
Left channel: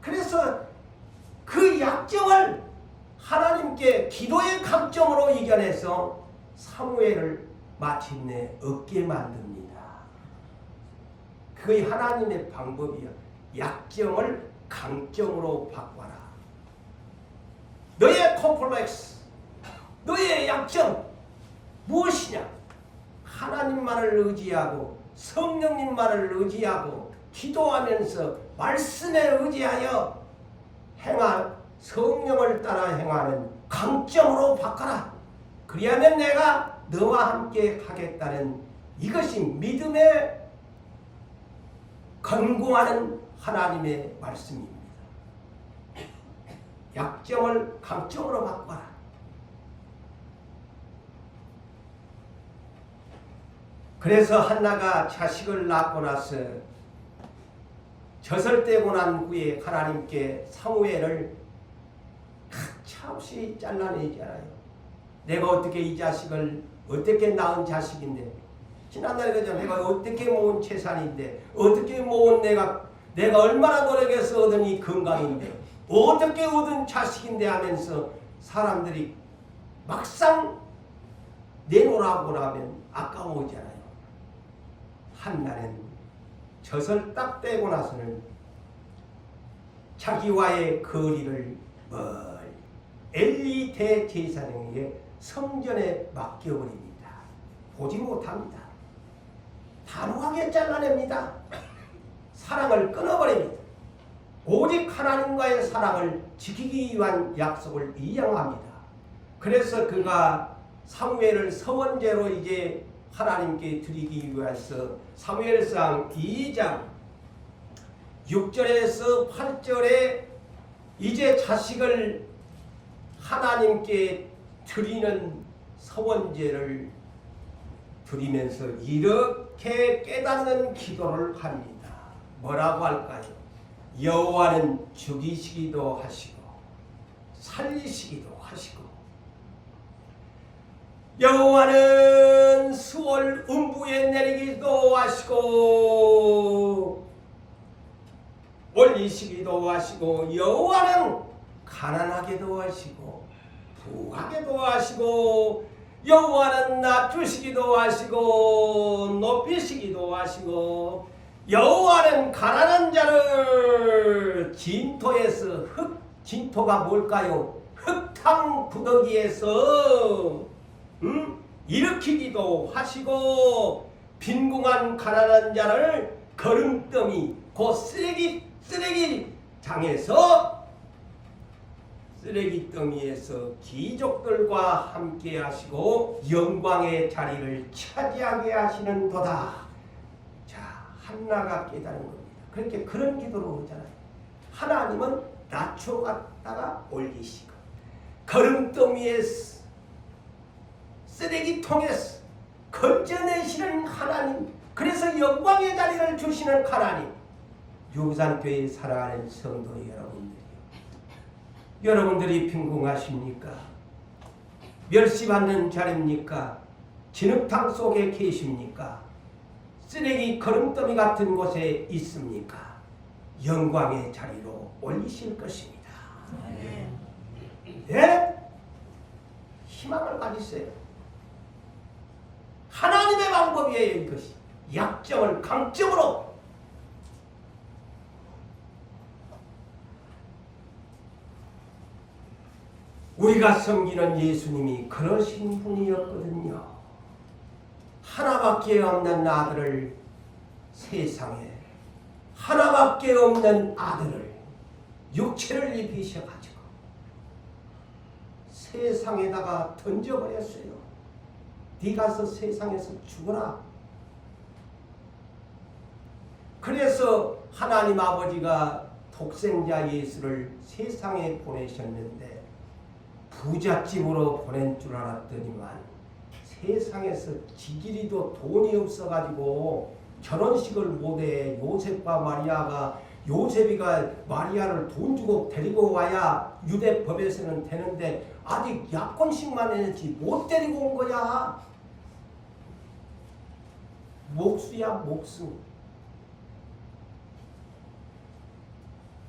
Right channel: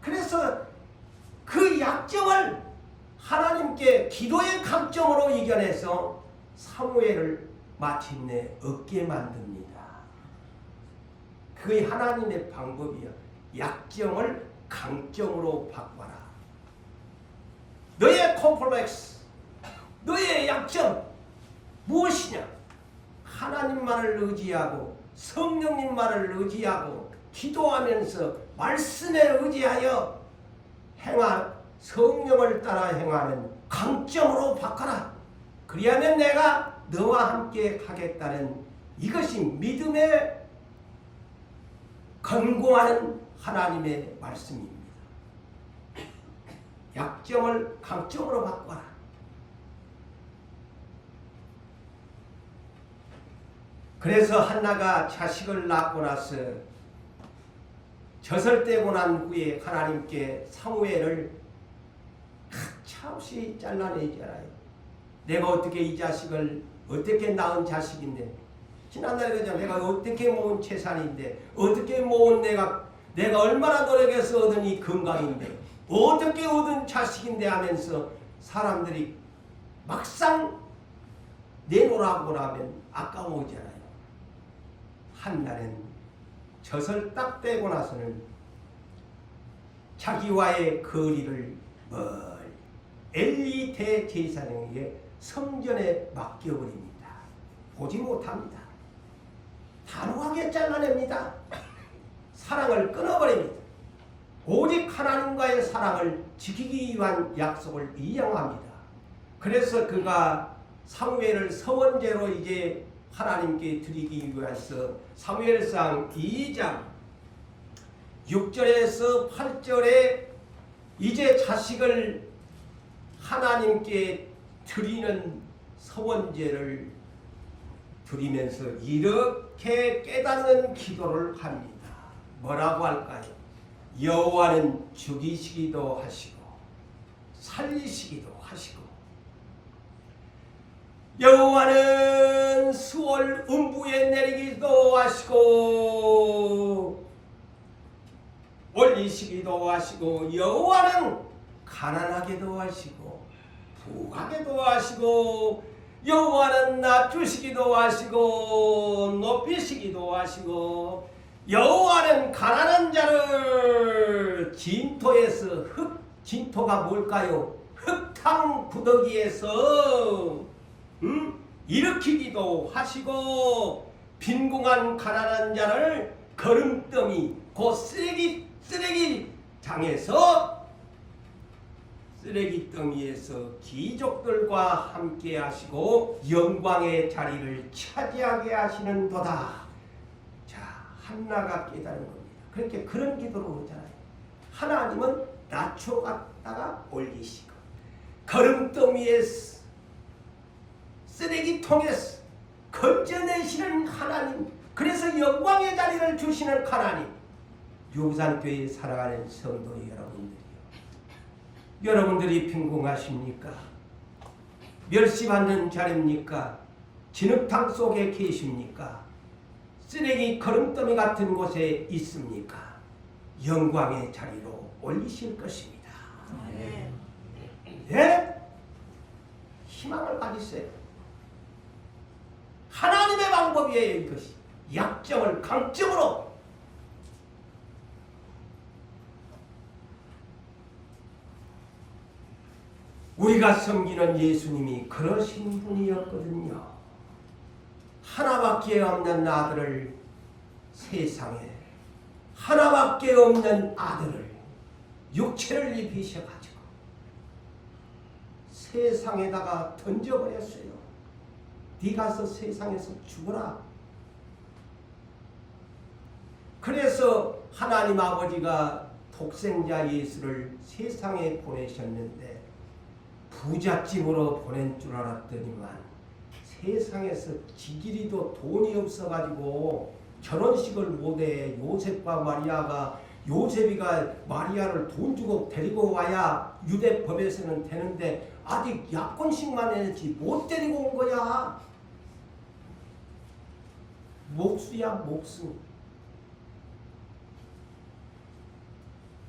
그래서 그 약점을 하나님께 기도의 강점으로 이겨내서 사무엘을 마침내 얻게 만듭니다. 그게 하나님의 방법이야. 약점을 강점으로 바꿔라. 너의 콤플렉스, 너의 약점 무엇이냐? 하나님만을 의지하고 성령님만을 의지하고 기도하면서 말씀에 의지하여 성령을 따라 행하는 강점으로 바꿔라. 그리하면 내가 너와 함께 하겠다는 이것이 믿음의 건공하는 하나님의 말씀입니다. 약점을 강점으로 바꿔라. 그래서 한나가 자식을 낳고 나서 젖을 떼고 난 후에 하나님께 사무엘을 가차없이 잘라내잖아요. 내가 어떻게 이 자식을 어떻게 낳은 자식인데, 지난날에 그죠? 내가 어떻게 모은 재산인데, 어떻게 모은 내가 얼마나 노력해서 얻은 이 건강인데, 어떻게 얻은 자식인데 하면서 사람들이 막상 내놓으라고 하면 아까워지잖아요. 한나는 젖을 딱 떼고 나서는 자기와의 거리를 멀리 엘리 대제사장에게 성전에 맡겨버립니다. 보지 못합니다. 단호하게 잘라냅니다. 사랑을 끊어버립니다. 오직 하나님과의 사랑을 지키기 위한 약속을 이행합니다. 그래서 그가 사무엘을 서원제로 이제 하나님께 드리기 위해서 사무엘상 2장 6절에서 8절에 이제 자식을 하나님께 드리는 서원제를 드리면서 이렇게 깨닫는 기도를 합니다. 뭐라고 할까요? 여호와는 죽이시기도 하시고 살리시기도 하시고 여호와는 수월 음부에 내리기도 하시고 올리시기도 하시고 여호와는 가난하게도 하시고 부하게도 하시고 여호와는 낮추시기도 하시고 높이시기도 하시고 여호와는 가난한 자를 진토에서 진토가 뭘까요? 흙탕 구더기에서 일으키기도 하시고 빈궁한 가난한 자를 거름더미 곧 쓰레기더미에서 귀족들과 함께 하시고 영광의 자리를 차지하게 하시는도다. 자, 한나가 깨달은 겁니다. 그렇게 그런 기도를 하잖아요. 하나님은 낮춰갔다가 올리시고 거름더미에서 쓰레기통에서 건져내시는 하나님, 그래서 영광의 자리를 주시는 하나님. 유산교회에 살아가는 성도 여러분들이 빈궁하십니까? 멸시받는 자리입니까? 진흙탕 속에 계십니까? 쓰레기 거름더미 같은 곳에 있습니까? 영광의 자리로 올리실 것입니다. 예? 희망을 가지세요. 하나님의 방법이에요. 이것이 약점을 강점으로. 우리가 섬기는 예수님이 그러신 분이었거든요. 하나밖에 없는 아들을 세상에 하나밖에 없는 아들을 육체를 입히셔가지고 세상에다가 던져버렸어요. 네 가서 세상에서 죽어라. 그래서 하나님 아버지가 독생자 예수를 세상에 보내셨는데 부잣집으로 보낸 줄 알았더니만 세상에서 지기리도 돈이 없어가지고 결혼식을 못해. 요셉이가 마리아를 돈 주고 데리고 와야 유대 법에서는 되는데 아직 약혼식만 했지 못 데리고 온 거야. 목수야 목수.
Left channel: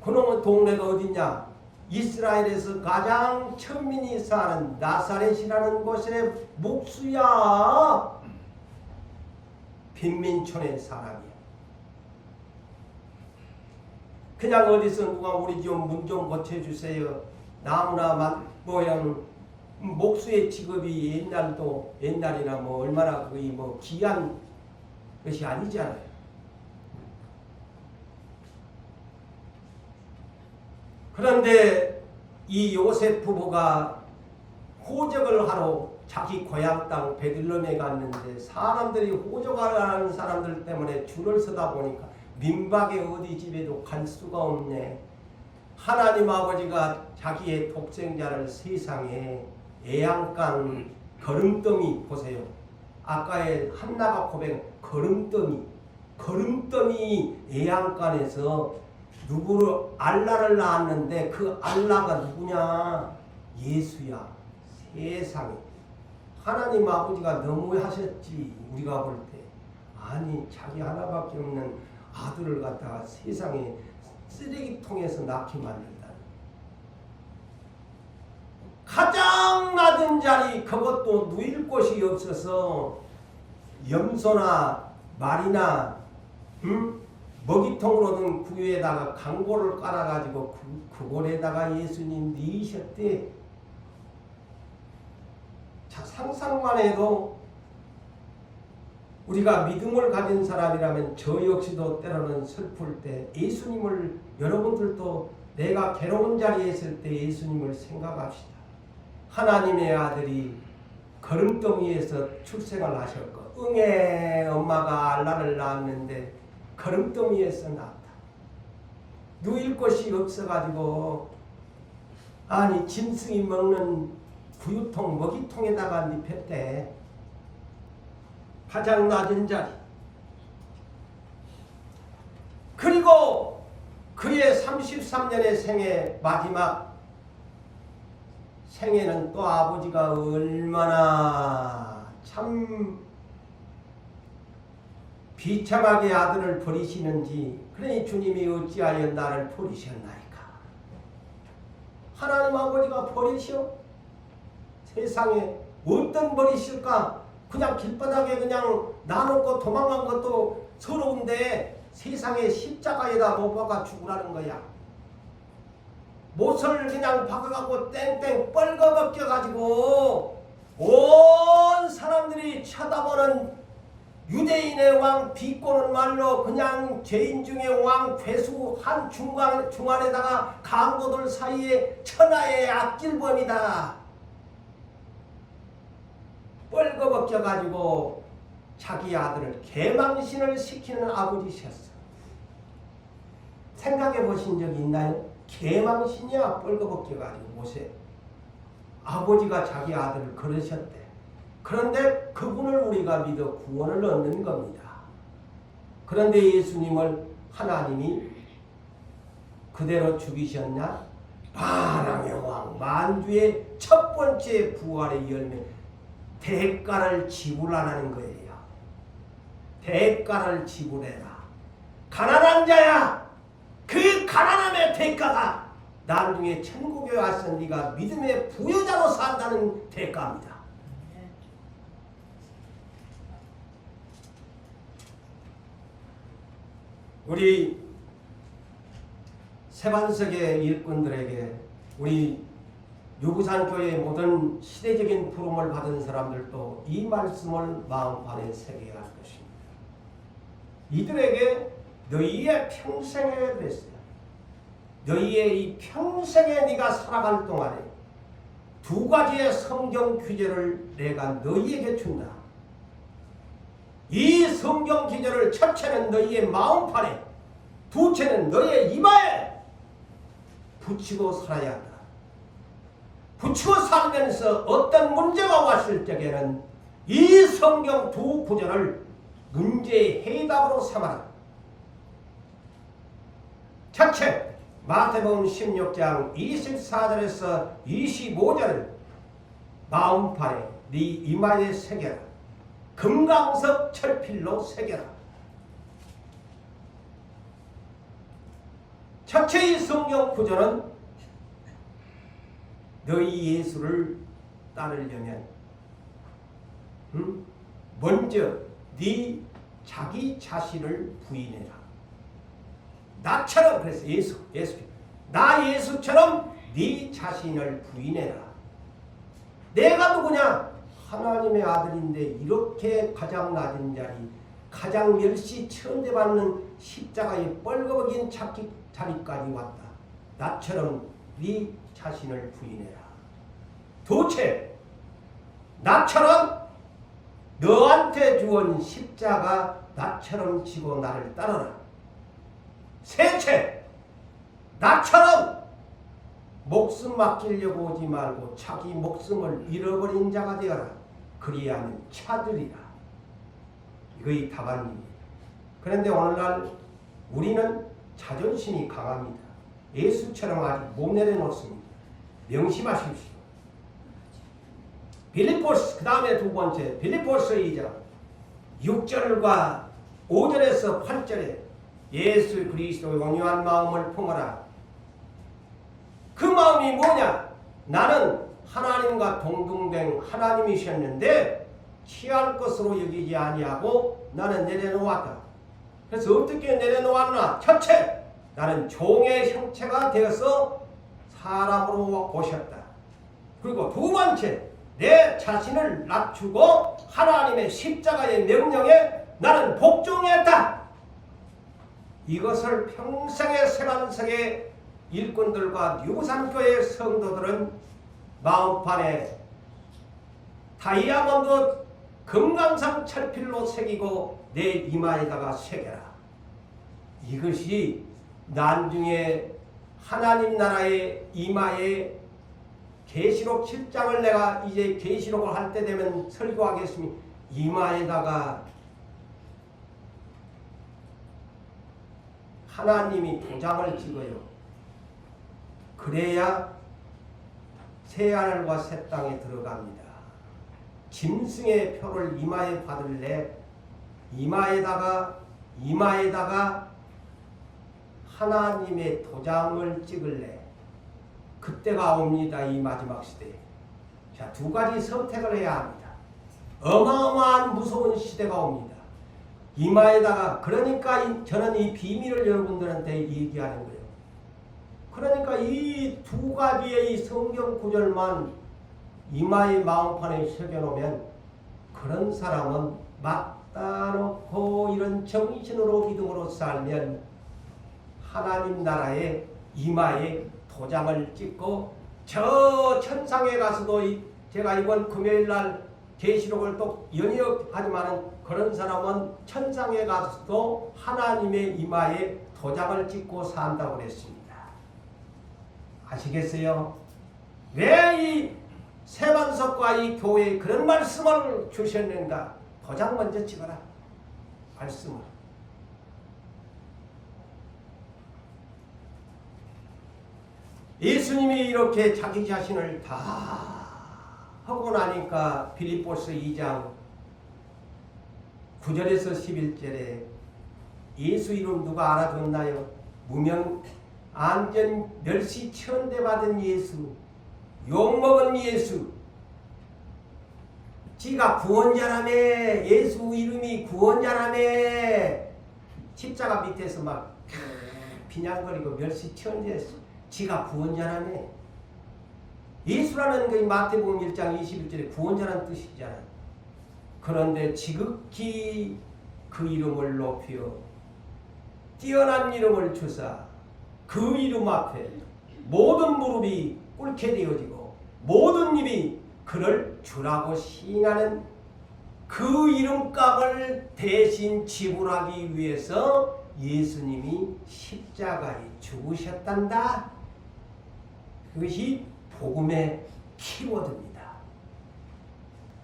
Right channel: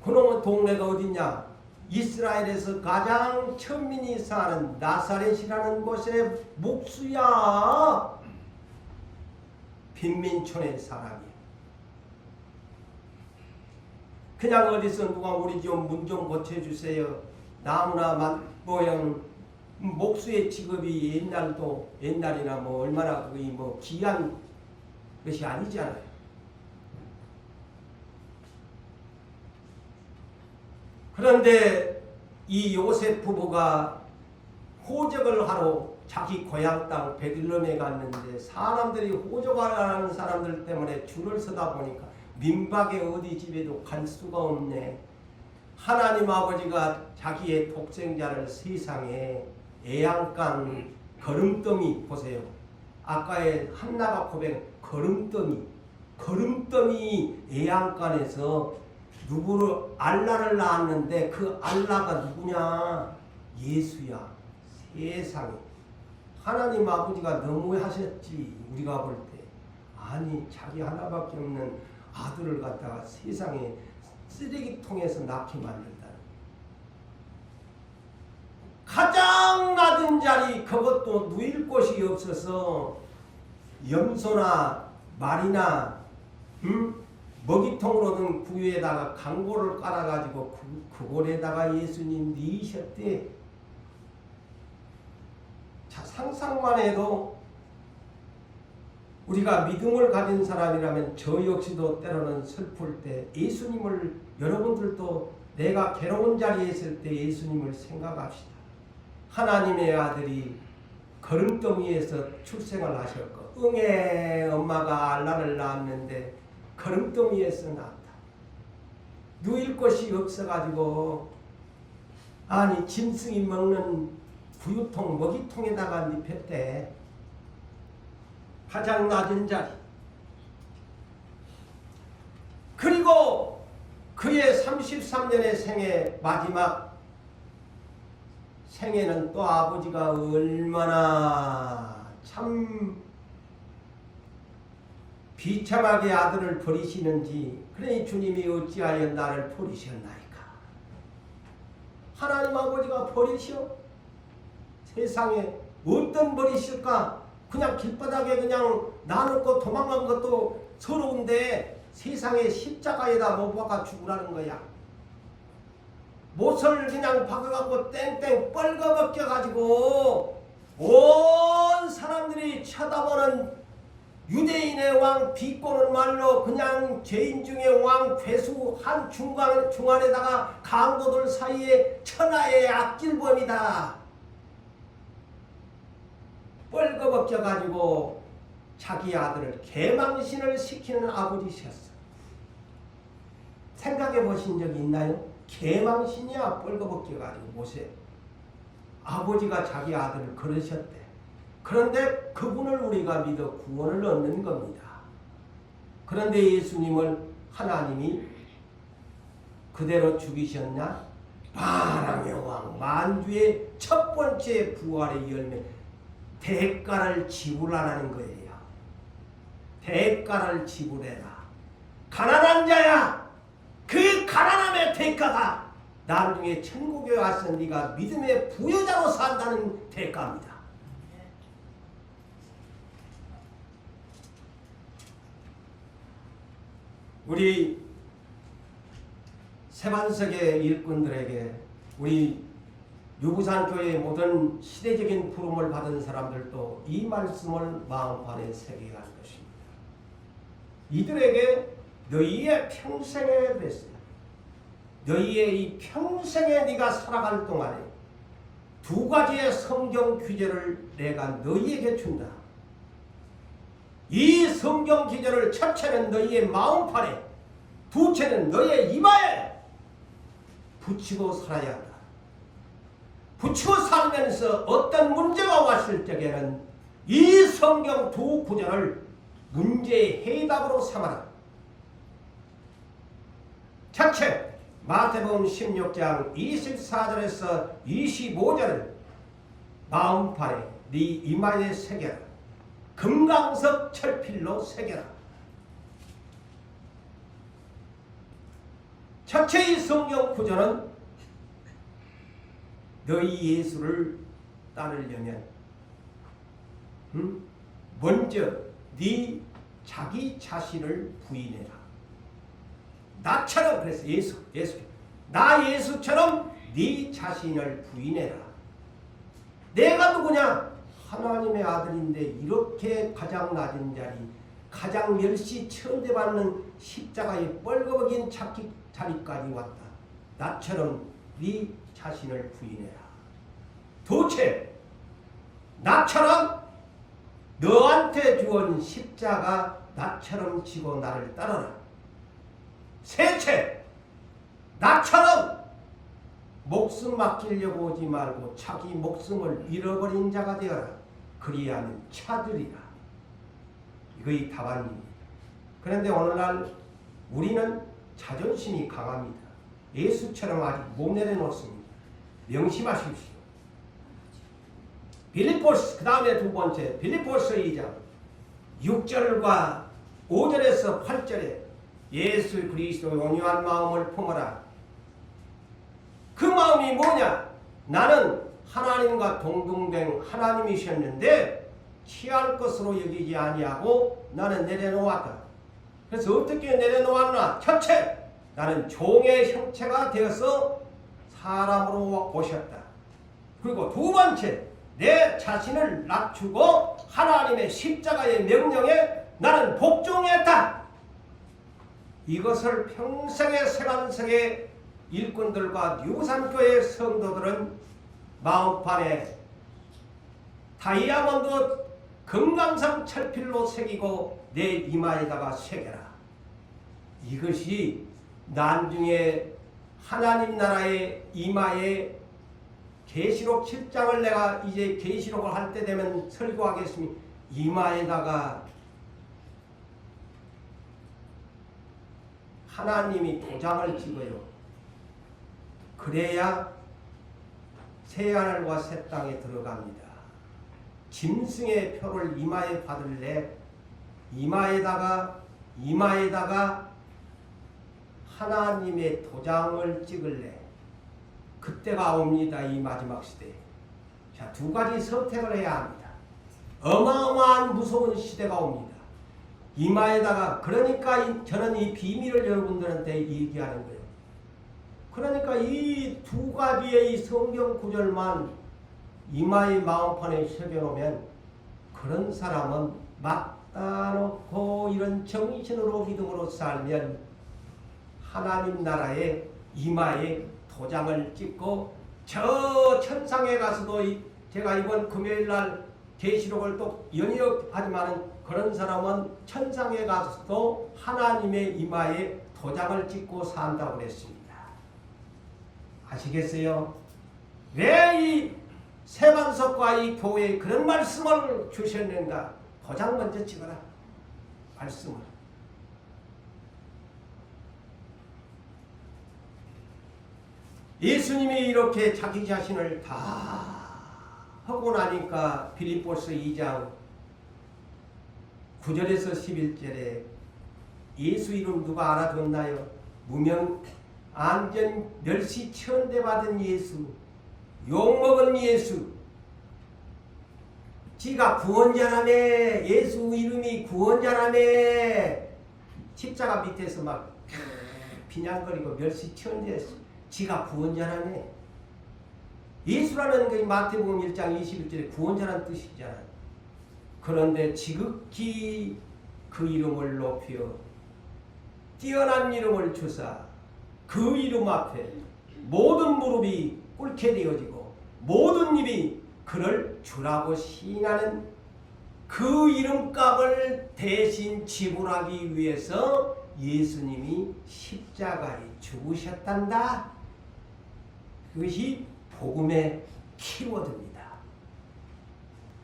그놈의 동네가 어디냐? 이스라엘에서 가장 천민이 사는 나사렛이라는 곳의 목수야. 빈민촌의 사람이야. 그냥 어디서 누가 우리 집 문 좀 고쳐주세요. 나무나 모양 목수의 직업이 옛날이나 뭐 얼마나 그게 뭐 귀한 것이 아니잖아요. 그런데 이 요셉 부부가 호적을 하러 자기 고향 땅 베들레헴에 갔는데 사람들이 호적하라는 사람들 때문에 줄을 서다 보니까 민박에 어디 집에도 갈 수가 없네. 하나님 아버지가 자기의 독생자를 세상에 애양간 거름더미 보세요. 아까의 한나가 고백한 거름더미 애양간에서 누구를 알라를 낳았는데 그 알라가 누구냐? 예수야. 세상에 하나님 아버지가 너무하셨지. 우리가 볼 때 아니 자기 하나밖에 없는 아들을 갖다가 세상에 쓰레기통에서 낳게 만든다. 가장 낮은 자리 그것도 누일 곳이 없어서 염소나 말이나 먹이통으로는 그 위에다가 강고를 깔아가지고 그 골에다가 예수님 넣으셨대. 자, 상상만 해도 우리가 믿음을 가진 사람이라면 저 역시도 때로는 슬플 때 예수님을, 여러분들도 내가 괴로운 자리에 있을 때 예수님을 생각합시다. 하나님의 아들이 거름더미에서 출생을 하셨고 응애 엄마가 알라를 낳았는데 거름더미에서 낳았다. 누일 곳이 없어가지고 아니 짐승이 먹는 구유통 먹이통에다가 눕혔대. 가장 낮은 자리. 그리고 그의 33년의 생애 마지막 생애는 또 아버지가 얼마나 참 비참하게 아들을 버리시는지. 그러니 주님이 어찌하여 나를 버리셨나이까. 하나님 아버지가 버리셔? 세상에 어떤 버리실까? 그냥 길바닥에 그냥 놔놓고 도망간 것도 서러운데 세상에 십자가에다 못 박아 죽으라는 거야. 못을 그냥 박아갖고 땡땡 뻘거벗겨가지고 온 사람들이 쳐다보는 유대인의 왕 비꼬는 말로 그냥 죄인 중에 왕 괴수 한 중간에다가 강도들 사이에 천하의 악질범이다. 뻘거벗겨가지고 자기 아들을 개망신을 시키는 아버지셨어. 생각해 보신 적 있나요? 개망신이야 뻘거벗겨가지고 모세. 아버지가 자기 아들을 그러셨대. 그런데 그분을 우리가 믿어 구원을 얻는 겁니다. 그런데 예수님을 하나님이 그대로 죽이셨냐? 만왕의 왕 만주의 첫 번째 부활의 열매. 대가를 지불하라는 거예요. 대가를 지불해라. 가난한 자야. 그 가난함의 대가가 나중에 천국에 와서 네가 믿음의 부여자로 산다는 대가입니다. 우리 세반석의 일꾼들에게, 우리 유부산교회의 모든 시대적인 부름을 받은 사람들도 이 말씀을 마음판에 새겨야 할 것입니다. 이들에게 너희의 평생에 그랬어요. 너희의 이 평생에 네가 살아갈 동안에 두 가지의 성경 규제를 내가 너희에게 준다. 이 성경 규제를 첫째는 너희의 마음판에, 두째는 너희의 이마에 붙이고 살아야 한다. 붙이고 살면서 어떤 문제가 왔을 적에는 이 성경 두 구절을 문제의 해답으로 삼아라. 첫째, 마태복음 16장 24절에서 25절을 마음판에 네 이마에 새겨라. 금강석 철필로 새겨라. 첫째 이 성경 구절은 너희 예수를 따르려면 먼저 네 자기 자신을 부인해라. 나처럼, 그래서 예수 나 예수처럼 네 자신을 부인해라. 내가 누구냐? 하나님의 아들인데 이렇게 가장 낮은 자리, 가장 멸시 천대받는 십자가에 뻘거벗긴 자리까지 왔다. 나처럼 네 자신을 부인해라. 둘째, 나처럼 너한테 주은 십자가 나처럼 지고 나를 따르라. 셋째, 나처럼 목숨 맡기려고 오지 말고 자기 목숨을 잃어버린 자가 되어라. 그리하면 찾으리라. 이거의 답안입니다. 그런데 오늘날 우리는 자존심이 강합니다. 예수처럼 아직 못 내려놓습니다. 명심하십시오. 빌립보서, 그 다음에 두 번째 빌립보서 2장 6절과 5절에서 8절에 예수 그리스도의 온유한 마음을 품어라. 그 마음이 뭐냐? 나는 하나님과 동등된 하나님이셨는데 취할 것으로 여기지 아니하고 나는 내려놓았다. 그래서 어떻게 내려놓았나? 첫째, 나는 종의 형체가 되어서 사람으로 오셨다. 그리고 두 번째, 내 자신을 낮추고 하나님의 십자가의 명령에 나는 복종했다. 이것을 평생의 세간석의 일꾼들과 유산교회 성도들은 마음판에 다이아몬드 금강산 철필로 새기고 내 이마에다가 새겨라. 이것이 나중에 하나님 나라의 이마에 계시록 7장을 내가 이제 계시록을 할 때 되면 설교하겠습니다. 이마에다가 하나님이 도장을 찍어요. 그래야 새하늘과 새 땅에 들어갑니다. 짐승의 표를 이마에 받을래 이마에다가 하나님의 도장을 찍을래. 그때가 옵니다. 이 마지막 시대에. 자, 두 가지 선택을 해야 합니다. 어마어마한 무서운 시대가 옵니다. 이마에다가, 그러니까 저는 이 비밀을 여러분들한테 얘기하는 거예요. 그러니까 이 두 가지의 이 성경 구절만 이마의 마음판에 새겨놓으면 그런 사람은 맞다 놓고 이런 정신으로 믿음으로 살면 하나님 나라의 이마에 도장을 찍고 저 천상에 가서도 제가 이번 금요일날 계시록을 또 연이하지만은 그런 사람은 천상에 가서도 하나님의 이마에 도장을 찍고 산다고 그랬습니다. 아시겠어요? 왜 이 세반석과 이 교회에 그런 말씀을 주셨는가? 도장 먼저 찍어라. 말씀을. 예수님이 이렇게 자기 자신을 다 하고 나니까 빌립보서 2장 9절에서 11절에 예수 이름 누가 알아듣나요? 무명 안전 멸시 천대받은 예수, 욕먹은 예수, 지가 구원자라며, 예수 이름이 구원자라며, 십자가 밑에서 막 비냥거리고 멸시 천대했어. 지가 구원자라며. 예수라는 게 마태복음 1장 21절에 구원자라는 뜻이잖아요. 그런데 지극히 그 이름을 높여 뛰어난 이름을 주사 그 이름 앞에 모든 무릎이 꿇게 되어지고 모든 입이 그를 주라고 시인하는 그 이름값을 대신 지불하기 위해서 예수님이 십자가에 죽으셨단다. 그것이 복음의 키워드입니다.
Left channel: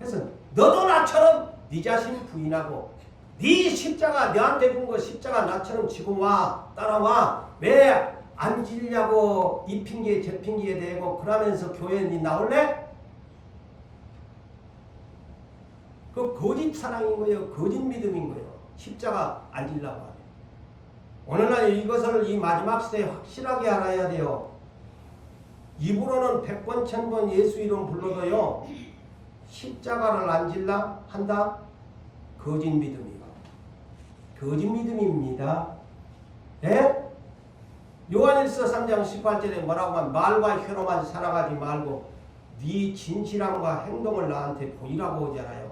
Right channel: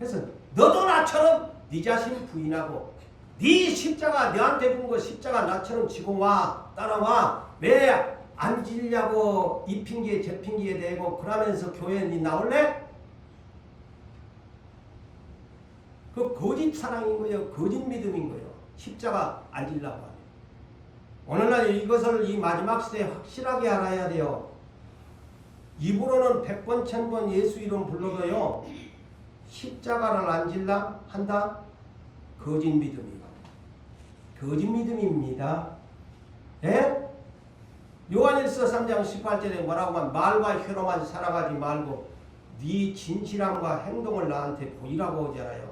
그래서 너도 나처럼 네 자신 부인하고 네 십자가 너한테 준 거 십자가 나처럼 지고 와 따라와. 왜 안 지려고 이 핑계 저 핑계에 대고 그러면서 교회에 네 나올래? 그 거짓 사랑인 거예요. 거짓 믿음인 거예요. 십자가 안 지려고 하네. 오늘날 이것을 이 마지막 시대에 확실하게 알아야 돼요. 입으로는 100번 1000번 예수 이름 불러도요 십자가를 안 질라 한다? 거짓 믿음이에요. 거짓 믿음입니다. 네? 요한일서 3장 18절에 뭐라고 하면 말과 혀로만 살아가지 말고 네 진실함과 행동을 나한테 보이라고 하잖아요.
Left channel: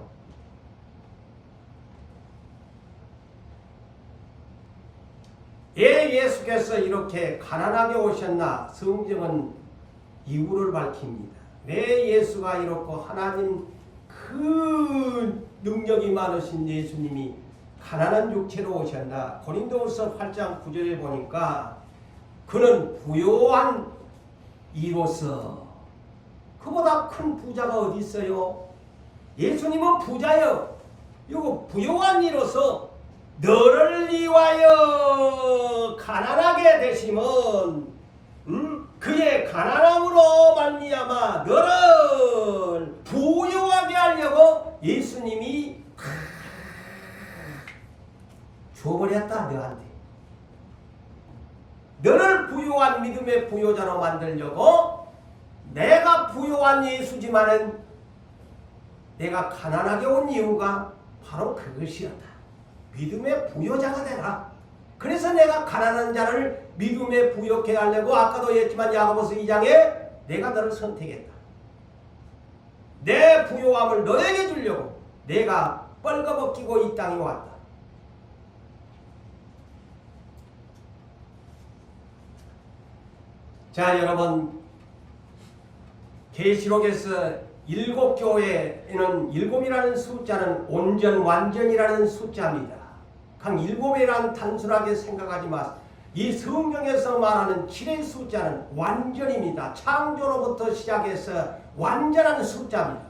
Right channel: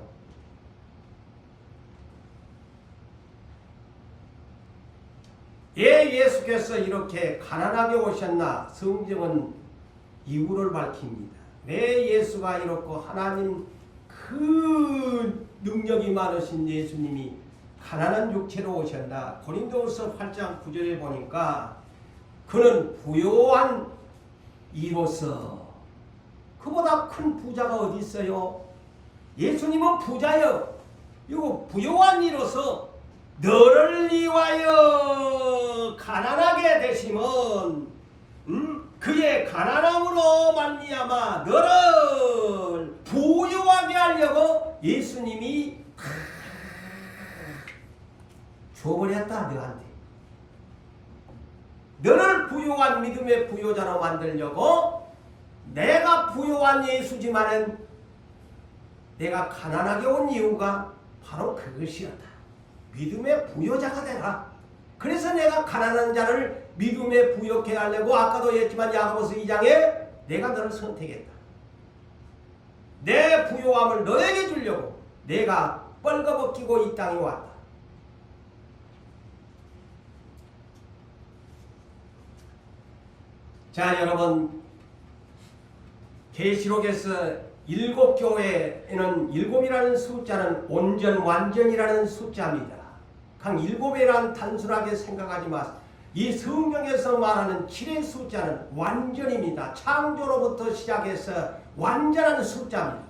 왜 예수께서 이렇게 가난하게 오셨나? 성경은 이유를 밝힙니다. 왜 예수가 이렇고 하나님 그 능력이 많으신 예수님이 가난한 육체로 오셨나? 고린도후서 8장 9절에 보니까 그는 부요한 이로서 그보다 큰 부자가 어디 있어요? 예수님은 부자요. 이거 부요한 이로서 너를 위하여 가난하게 되심은 그의 가난함으로 말미암아 너를 부유하게 하려고 예수님이 줘버렸다 너한테. 너를 부유한 믿음의 부요자로 만들려고 내가 부유한 예수지만은 내가 가난하게 온 이유가 바로 그것이었다. 믿음의 부요자가 되라. 그래서 내가 가난한 자를 믿음에 부요케 하려고 아까도 했지만 야고보서 2장에 내가 너를 선택했다. 내 부요함을 너에게 주려고 내가 뻘거벗기고 이 땅에 왔다. 자, 여러분, 계시록에서 7교회에는 7이라는 숫자는 온전 완전이라는 숫자입니다. 각 7이란 단순하게 생각하지 마세요. 이 성경에서 말하는 7의 숫자는 완전입니다. 창조로부터 시작해서 완전한 숫자입니다.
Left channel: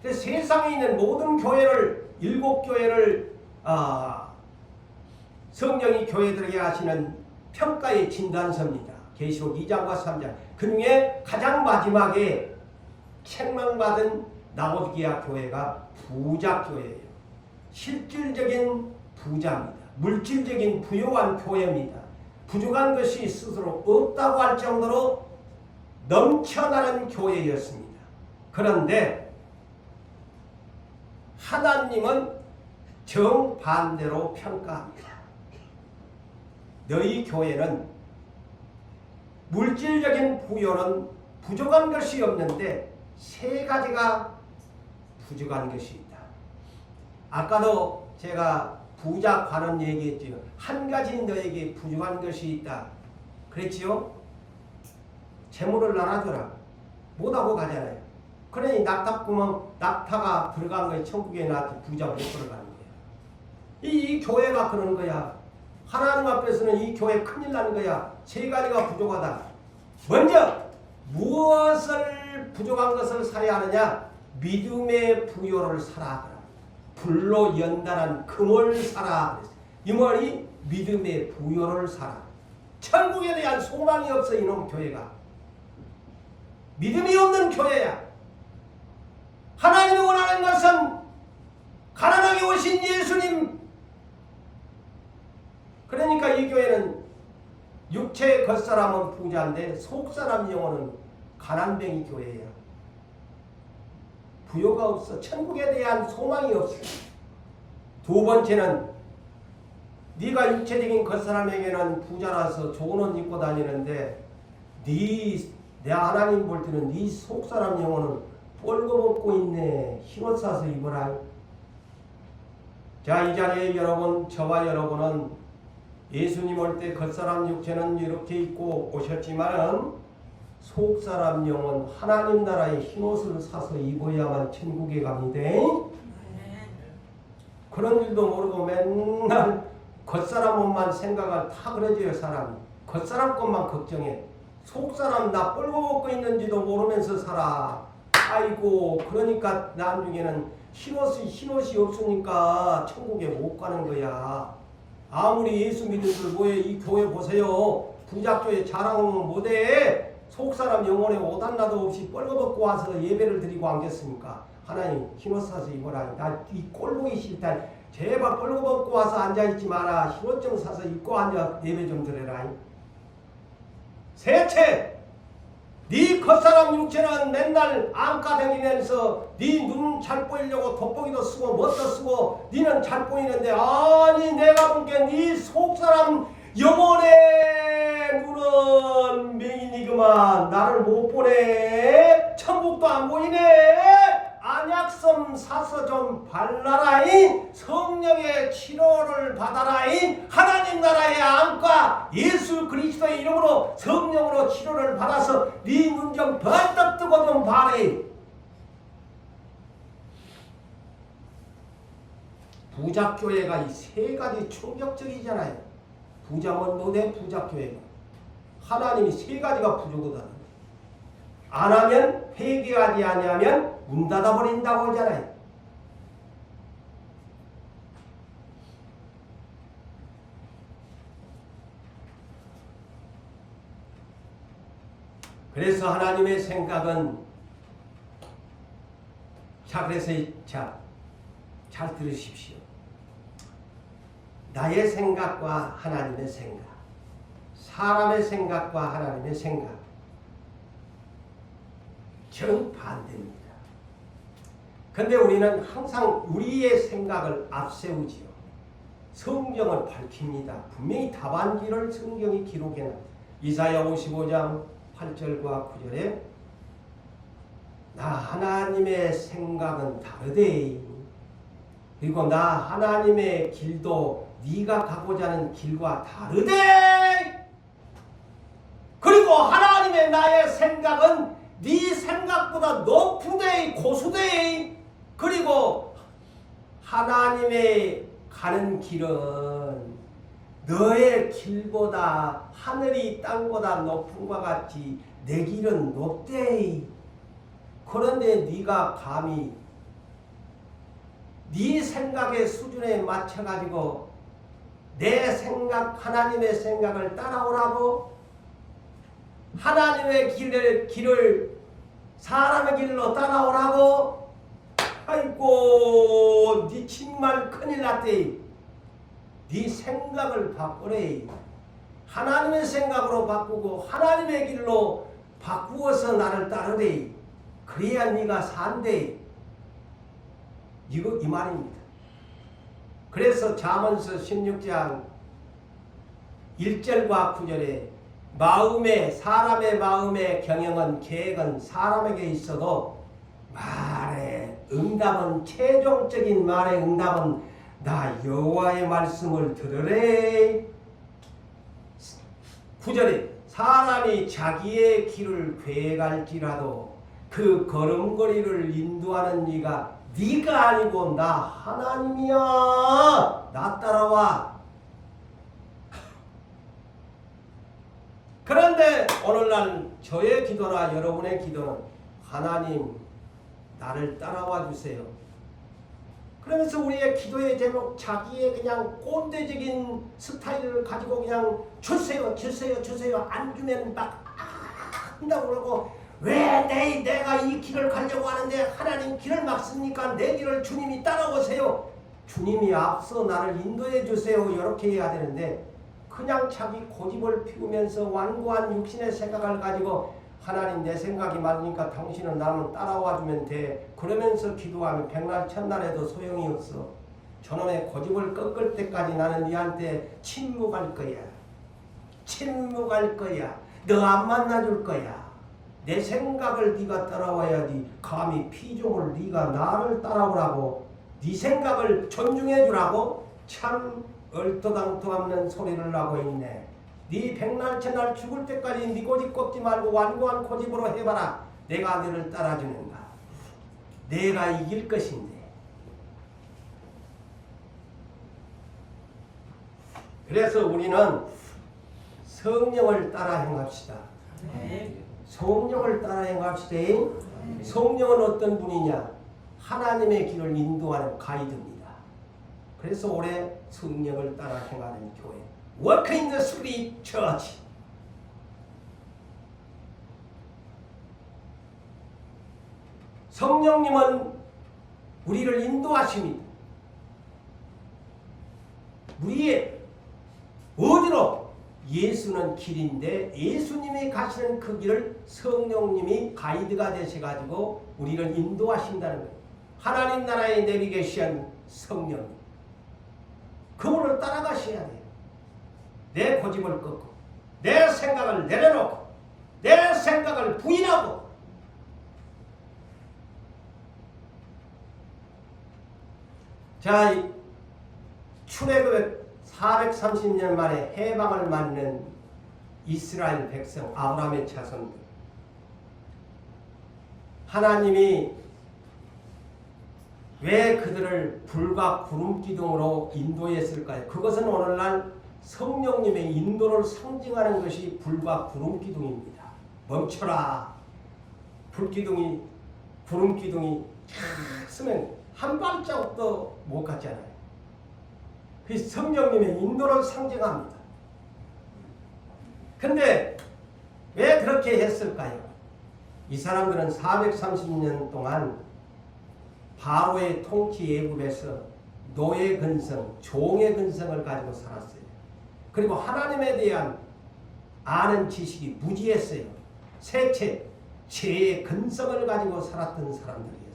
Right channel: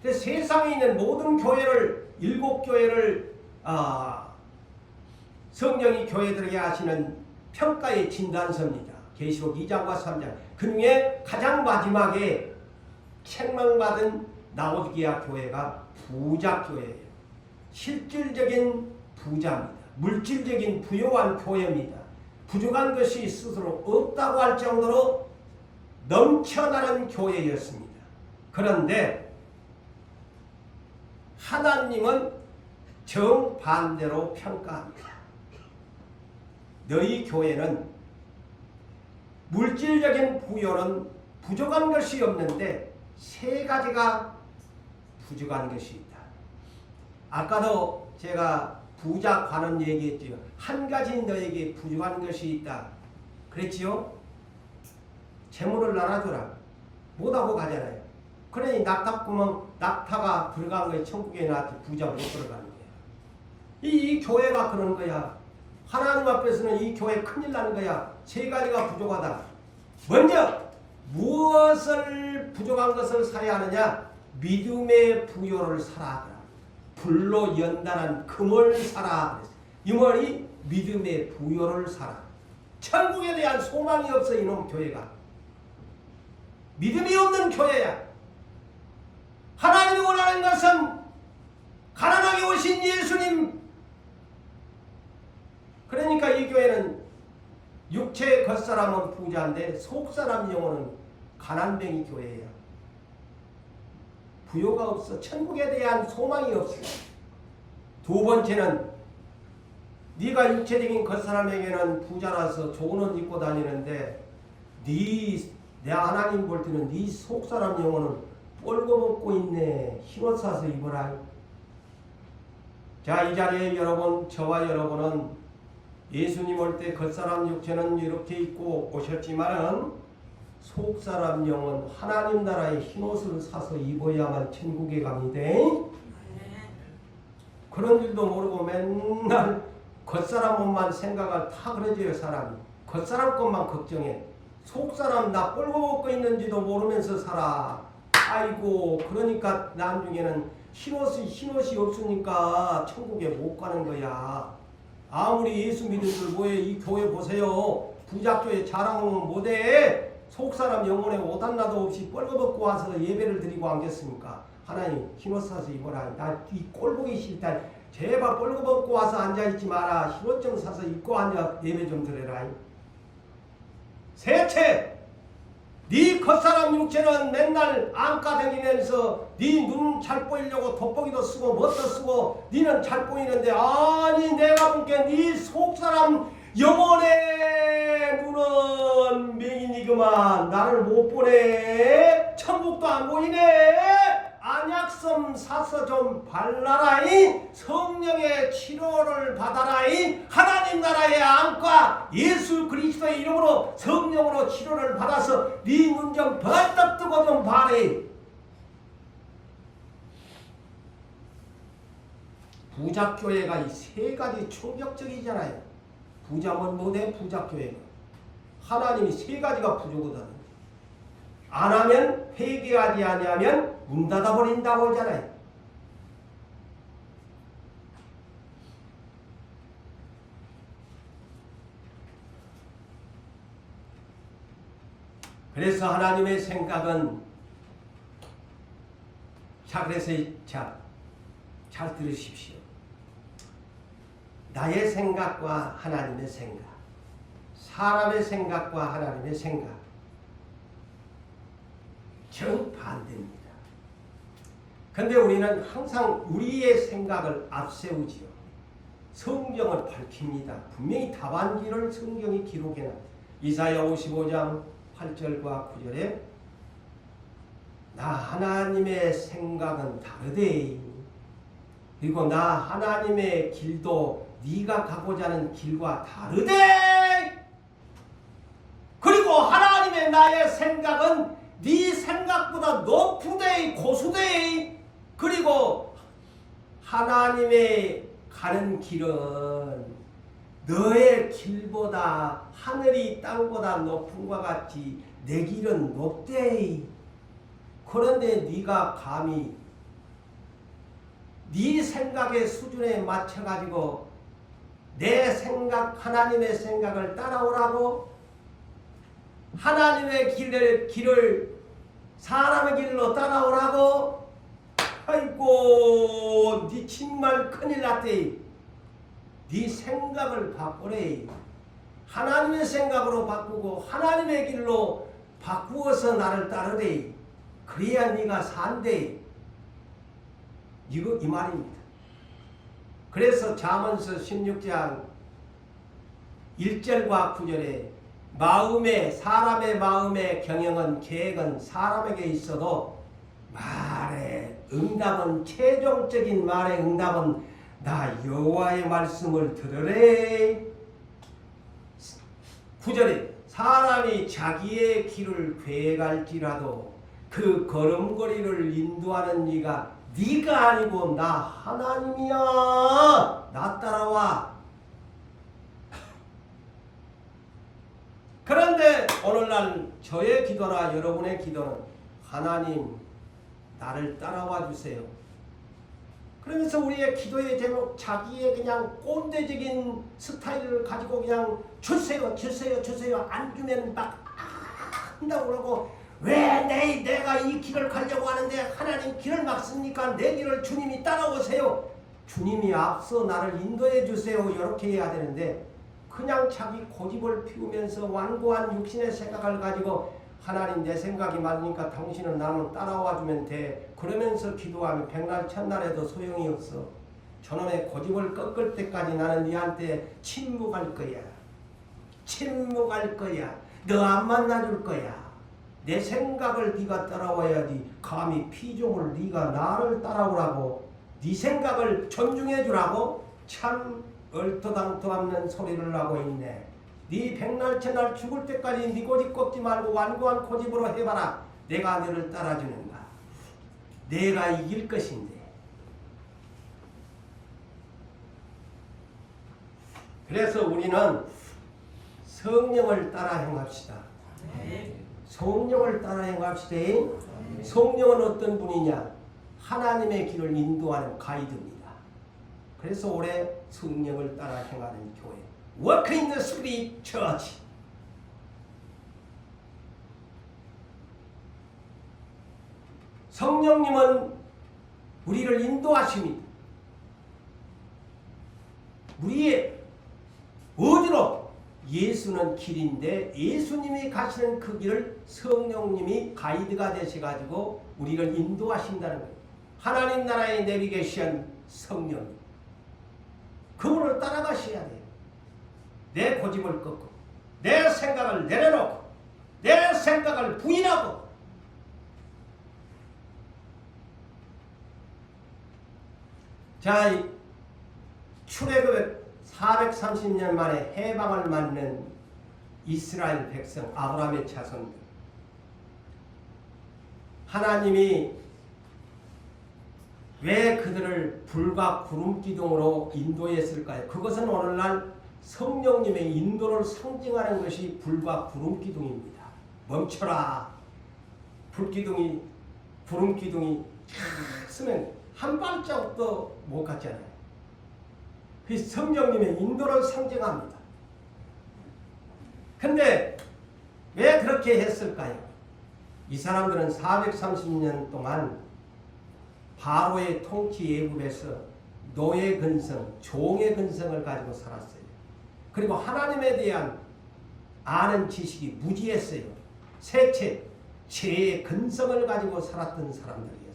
그래서 세상에 있는 모든 교회를 7교회를 성경이 교회들에게 하시는 평가의 진단서입니다. 계시록 2장과 3장. 그 중에 가장 마지막에 책망받은 라오디게아 교회가 부자 교회예요. 실질적인 부자입니다. 물질적인 부유한 교회입니다. 부족한 것이 스스로 없다고 할 정도로 넘쳐나는 교회였습니다. 그런데 하나님은 정반대로 평가합니다. 너희 교회는 물질적인 부여는 부족한 것이 없는데 세 가지가 부족한 것이 있다. 아까도 제가 부자 관원 얘기했지요. 한 가지 너에게 부족한 것이 있다. 그랬지요? 재물을 나눠줘라. 못하고 가잖아요. 그러니 낙타가 들어간 거에 천국에 나한테 부자 못 들어가는 거예요. 이 교회가 그런 거야. 하나님 앞에서는 이 교회 큰일 나는 거야. 세 가지가 부족하다. 먼저 무엇을 부족한 것을 사야 하느냐? 믿음의 부요를 사라. 불로 연단한 금을 사라. 이 말이 믿음의 부요를 사라. 천국에 대한 소망이 없어 이놈 교회가. 믿음이 없는 교회야. 하나님이 원하는 것은 가난하게 오신 예수님. 그러니까 이 교회는 육체 겉사람은 부자인데 속사람 영혼은 가난뱅이 교회야. 부요가 없어. 천국에 대한 소망이 없어. 두 번째는 네가 육체적인 겉사람에게는 부자라서 좋은 옷 입고 다니는데 내 하나님 볼 때는 네 속사람 영혼은 뻘거벗고 있네. 흰옷 사서 입어라. 자, 이 자리에 여러분, 저와 여러분은 예수님 올 때 겉사람 육체는 이렇게 입고 오셨지만은 속사람 영혼 하나님 나라의 흰옷을 사서 입어야만 천국에 갑니다. 그런 줄도 모르고 맨날 겉사람 옷만 생각을 다 그러지요. 사람이 겉사람 것만 걱정해. 속사람 나 뻘거 벗고 있는지도 모르면서 살아. 아이고 그러니까 나중에는 흰옷이 없으니까 천국에 못 가는 거야. 아무리 예수 믿은 줄 뭐해. 이 교회 보세요. 부작교회 자랑은 못해. 속사람 영혼에 오단나도 없이 뻘거벗고 와서 예배를 드리고 앉겠습니까? 하나님 흰옷 사서 입어라. 나 이 꼴보기 싫다. 제발 뻘거벗고 와서 앉아있지 마라. 흰옷 좀 사서 입고 앉아 예배 좀 드려라. 셋째, 네 겉사람 육체는 맨날 안가 다니면서 네 눈 잘 보이려고 돋보기도 쓰고 뭣도 쓰고 니는 잘 보이는데 아니 내가 볼게 네 속사람 영혼의 눈은 맹인이구만. 나를 못 보네. 천국도 안 보이네. 안약섬 사서 좀 발라라이. 성령의 치료를 받아라이. 하나님 나라의 안과 예수 그리스도의 이름으로 성령으로 치료를 받아서 네 눈 좀 벌떡 뜨고 좀 봐래. 부작교회가 이 세 가지 충격적이잖아요. 부자면 못해. 부작교회가 하나님이 세 가지가 부족하다. 안 하면 회개하지 아니하면 문 닫아버린다고 하잖아요. 그래서 하나님의 생각은 그래서 잘 들으십시오. 나의 생각과 하나님의 생각, 사람의 생각과 하나님의 생각 정반대입니다. 그런데 우리는 항상 우리의 생각을 앞세우지요. 성경을 밝힙니다. 분명히 답안지를 성경이 기록해놨습니다. 이사야 55장 8절과 9절에 나 하나님의 생각은 다르대. 그리고 나 하나님의 길도 네가 가고자 하는 길과 다르대. 그리고 하나님의 나의 생각은 네 생각보다 높으대. 고수대. 그리고 하나님의 가는 길은 너의 길보다 하늘이 땅보다 높음과 같이 내 길은 높대. 그런데 네가 감히 네 생각의 수준에 맞춰가지고 내 생각, 하나님의 생각을 따라오라고? 하나님의 길을 사람의 길로 따라오라고? 아이고 네 정말 큰일 났대. 네 생각을 바꾸래. 하나님의 생각으로 바꾸고 하나님의 길로 바꾸어서 나를 따르래. 그래야 네가 산대. 이 말입니다. 그래서 잠언서 16장 1절과 9절에 사람의 마음의 경영은 계획은 사람에게 있어도 말의 응답은 최종적인 말의 응답은 나 여호와의 말씀을 들으래. 9절에 사람이 자기의 길을 계획할지라도 그 걸음걸이를 인도하는 네가 아니고 나 하나님이야. 나 따라와. 그런데 오늘날 저의 기도나 여러분의 기도는 하나님 나를 따라와 주세요. 그러면서 우리의 기도의 제목 자기의 그냥 꼰대적인 스타일을 가지고 그냥 주세요 안 주면 막 한다고 그러고 왜 내가 이 길을 가려고 하는데 하나님 길을 막습니까? 내 길을 주님이 따라오세요. 주님이 앞서 나를 인도해 주세요. 이렇게 해야 되는데 그냥 자기 고집을 피우면서 완고한 육신의 생각을 가지고 하나님 내 생각이 맞으니까 당신은 나는 따라와 주면 돼. 그러면서 기도하면 백날 천날에도 소용이 없어. 저놈의 고집을 꺾을 때까지 나는 네한테 침묵할 거야. 침묵할 거야. 너 안 만나줄 거야. 내 생각을 네가 따라와야지. 감히 피조물 네가 나를 따라오라고 네 생각을 존중해 주라고 참 얼토당토 없는 소리를 하고 있네. 네 백날 천날 죽을 때까지 네 고집 꺾지 말고 완고한 고집으로 해봐라. 내가 너를 따라주는가. 내가 이길 것인데. 그래서 우리는 성령을 따라 행합시다. 성령을 따라 행합시다. 성령은 어떤 분이냐? 하나님의 길을 인도하는 가이드입니다. 그래서 올해 성령을 따라 행하는 교회, Walk in the Spirit Church. 성령님은 우리를 인도하십니다. 우리의 어디로? 예수는 길인데 예수님이 가시는 그 길을 성령님이 가이드가 되셔가지고 우리를 인도하신다는 거예요. 하나님 나라의 내비게이션 성령님. 그분을 따라가셔야 돼요. 내 고집을 꺾고 내 생각을 내려놓고 내 생각을 부인하고 자, 출애굽 430년 만에 해방을 맞는 이스라엘 백성 아브라함의 자손들, 하나님이 왜 그들을 불과 구름 기둥으로 인도했을까요? 그것은 오늘날 성령님의 인도를 상징하는 것이 불과 구름 기둥입니다. 멈춰라. 불기둥이 구름 기둥이 쫙 쓰면 한 발자국도 못 갔잖아요. 그 성령님의 인도를 상징합니다. 근데 왜 그렇게 했을까요? 이 사람들은 430년 동안 바로의 통치 애굽에서 노예 근성, 종의 근성을 가지고 살았어요. 그리고 하나님에 대한 아는 지식이 무지했어요. 셋째, 죄의 근성을 가지고 살았던 사람들이었어요.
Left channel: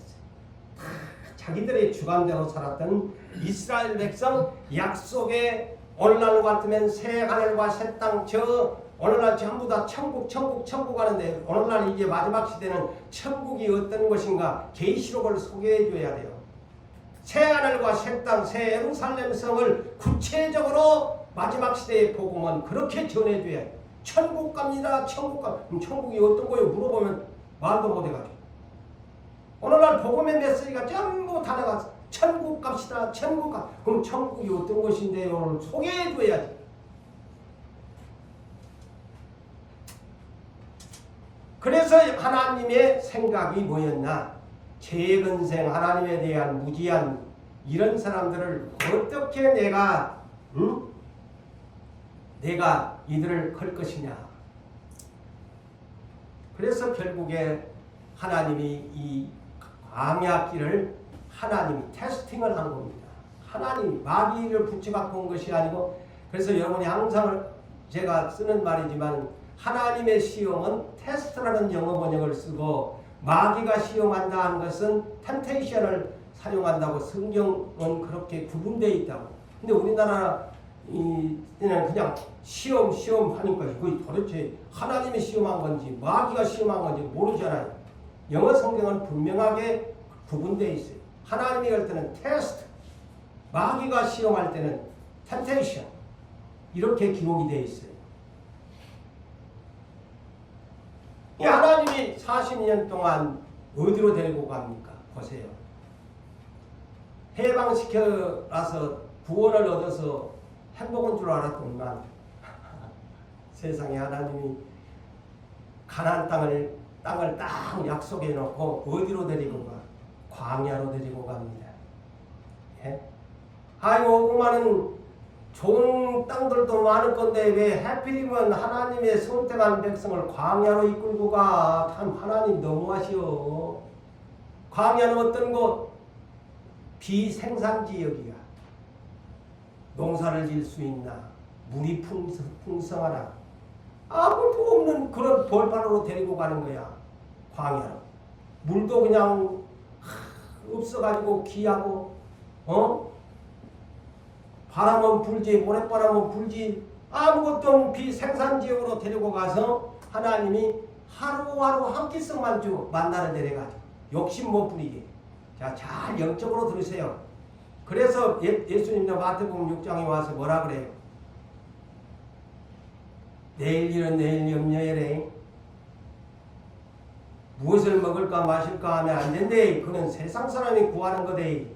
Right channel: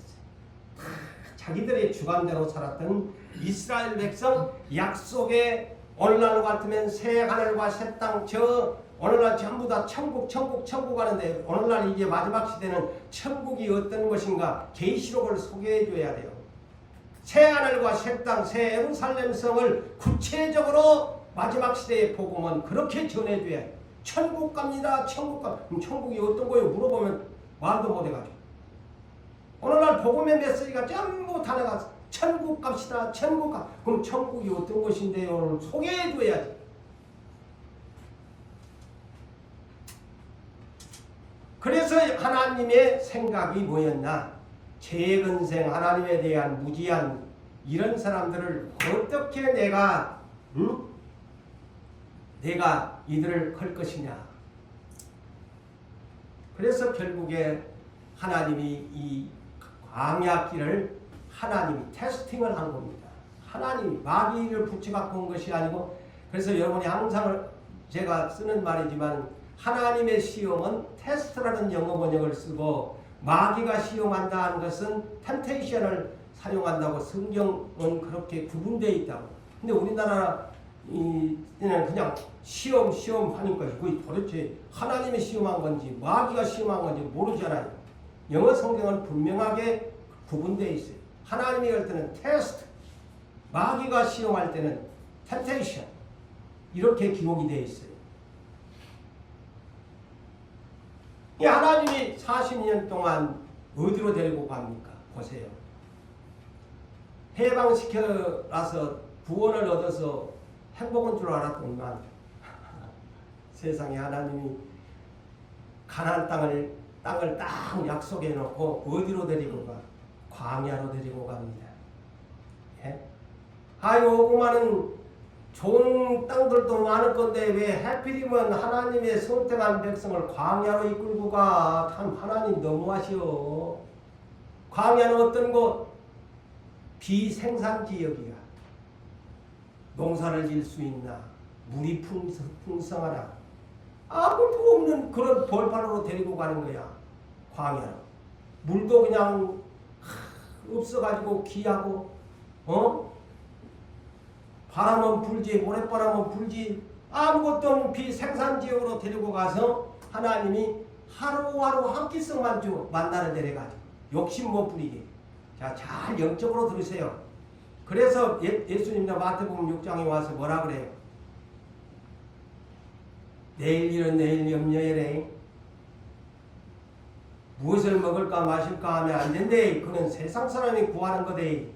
자기들의 주관대로 살았던 이스라엘 백성, 약속의 오늘날 같으면 새 하늘과 새 땅, 저 오늘날 전부 다 천국 하는데 오늘날 이제 마지막 시대는 천국이 어떤 것인가 계시록을 소개해 줘야 돼요. 새 하늘과 새 땅, 새 예루살렘 성을 구체적으로 마지막 시대의 복음은 그렇게 전해줘야 해요. 천국 갑니다. 천국 가. 그럼 천국이 어떤 거예요? 물어보면 말도 못해가지고. 오늘날 복음의 메시지가 전부 다 나가서 천국 갑시다. 천국 가. 그럼 천국이 어떤 것인데요? 오늘 소개해줘야지. 그래서 하나님의 생각이 뭐였나? 재근생 하나님에 대한 무지한 이런 사람들을 어떻게 내가 이들을 걸 것이냐. 그래서 결국에 하나님이 이 광야길을 하나님이 테스팅을 한 겁니다. 하나님이 마귀를 붙여갖고 온 것이 아니고, 그래서 여러분이 항상 제가 쓰는 말이지만 하나님의 시험은 테스트라는 영어 번역을 쓰고 마귀가 시험한다 하는 것은 템테이션을 사용한다고 성경은 그렇게 구분되어 있다고. 근데 우리나라 그냥 시험 하니까 그게 도대체 하나님이 시험한 건지 마귀가 시험한 건지 모르잖아요. 영어 성경은 분명하게 구분되어 있어요. 하나님이 할 때는 테스트, 마귀가 시험할 때는 템테이션, 이렇게 기록이 되어 있어요. 이 하나님이 40년 동안 어디로 데리고 갑니까? 보세요. 해방시켜라서 구원을 얻어서 행복한 줄 알았더니만 세상에 하나님이 가나안 땅을 딱 약속해 놓고 어디로 데리고 가? 광야로 데리고 갑니다. 예? 아이고, 그만은 좋은 땅들도 많을 건데 왜 하필이면 하나님의 선택한 백성을 광야로 이끌고 가? 참 하나님 너무하시오. 광야는 어떤 곳? 비생산지역이야. 농사를 지을 수 있나? 물이 풍성하나? 아무것도 없는 그런 벌판으로 데리고 가는 거야. 광야로. 물도 그냥 없어가지고 귀하고, 바람은 불지, 모래바람은 불지, 아무것도 없는 비생산지역으로 데리고 가서 하나님이 하루하루 한 끼씩만 만나는 데래가지고 욕심 못 부리게. 자, 잘 영적으로 들으세요. 그래서 예수님도 마태복음 6장에 와서 뭐라 그래요? 내일 일은 내일 염려해래. 무엇을 먹을까 마실까 하면 안 된대. 그는 세상 사람이 구하는 거대.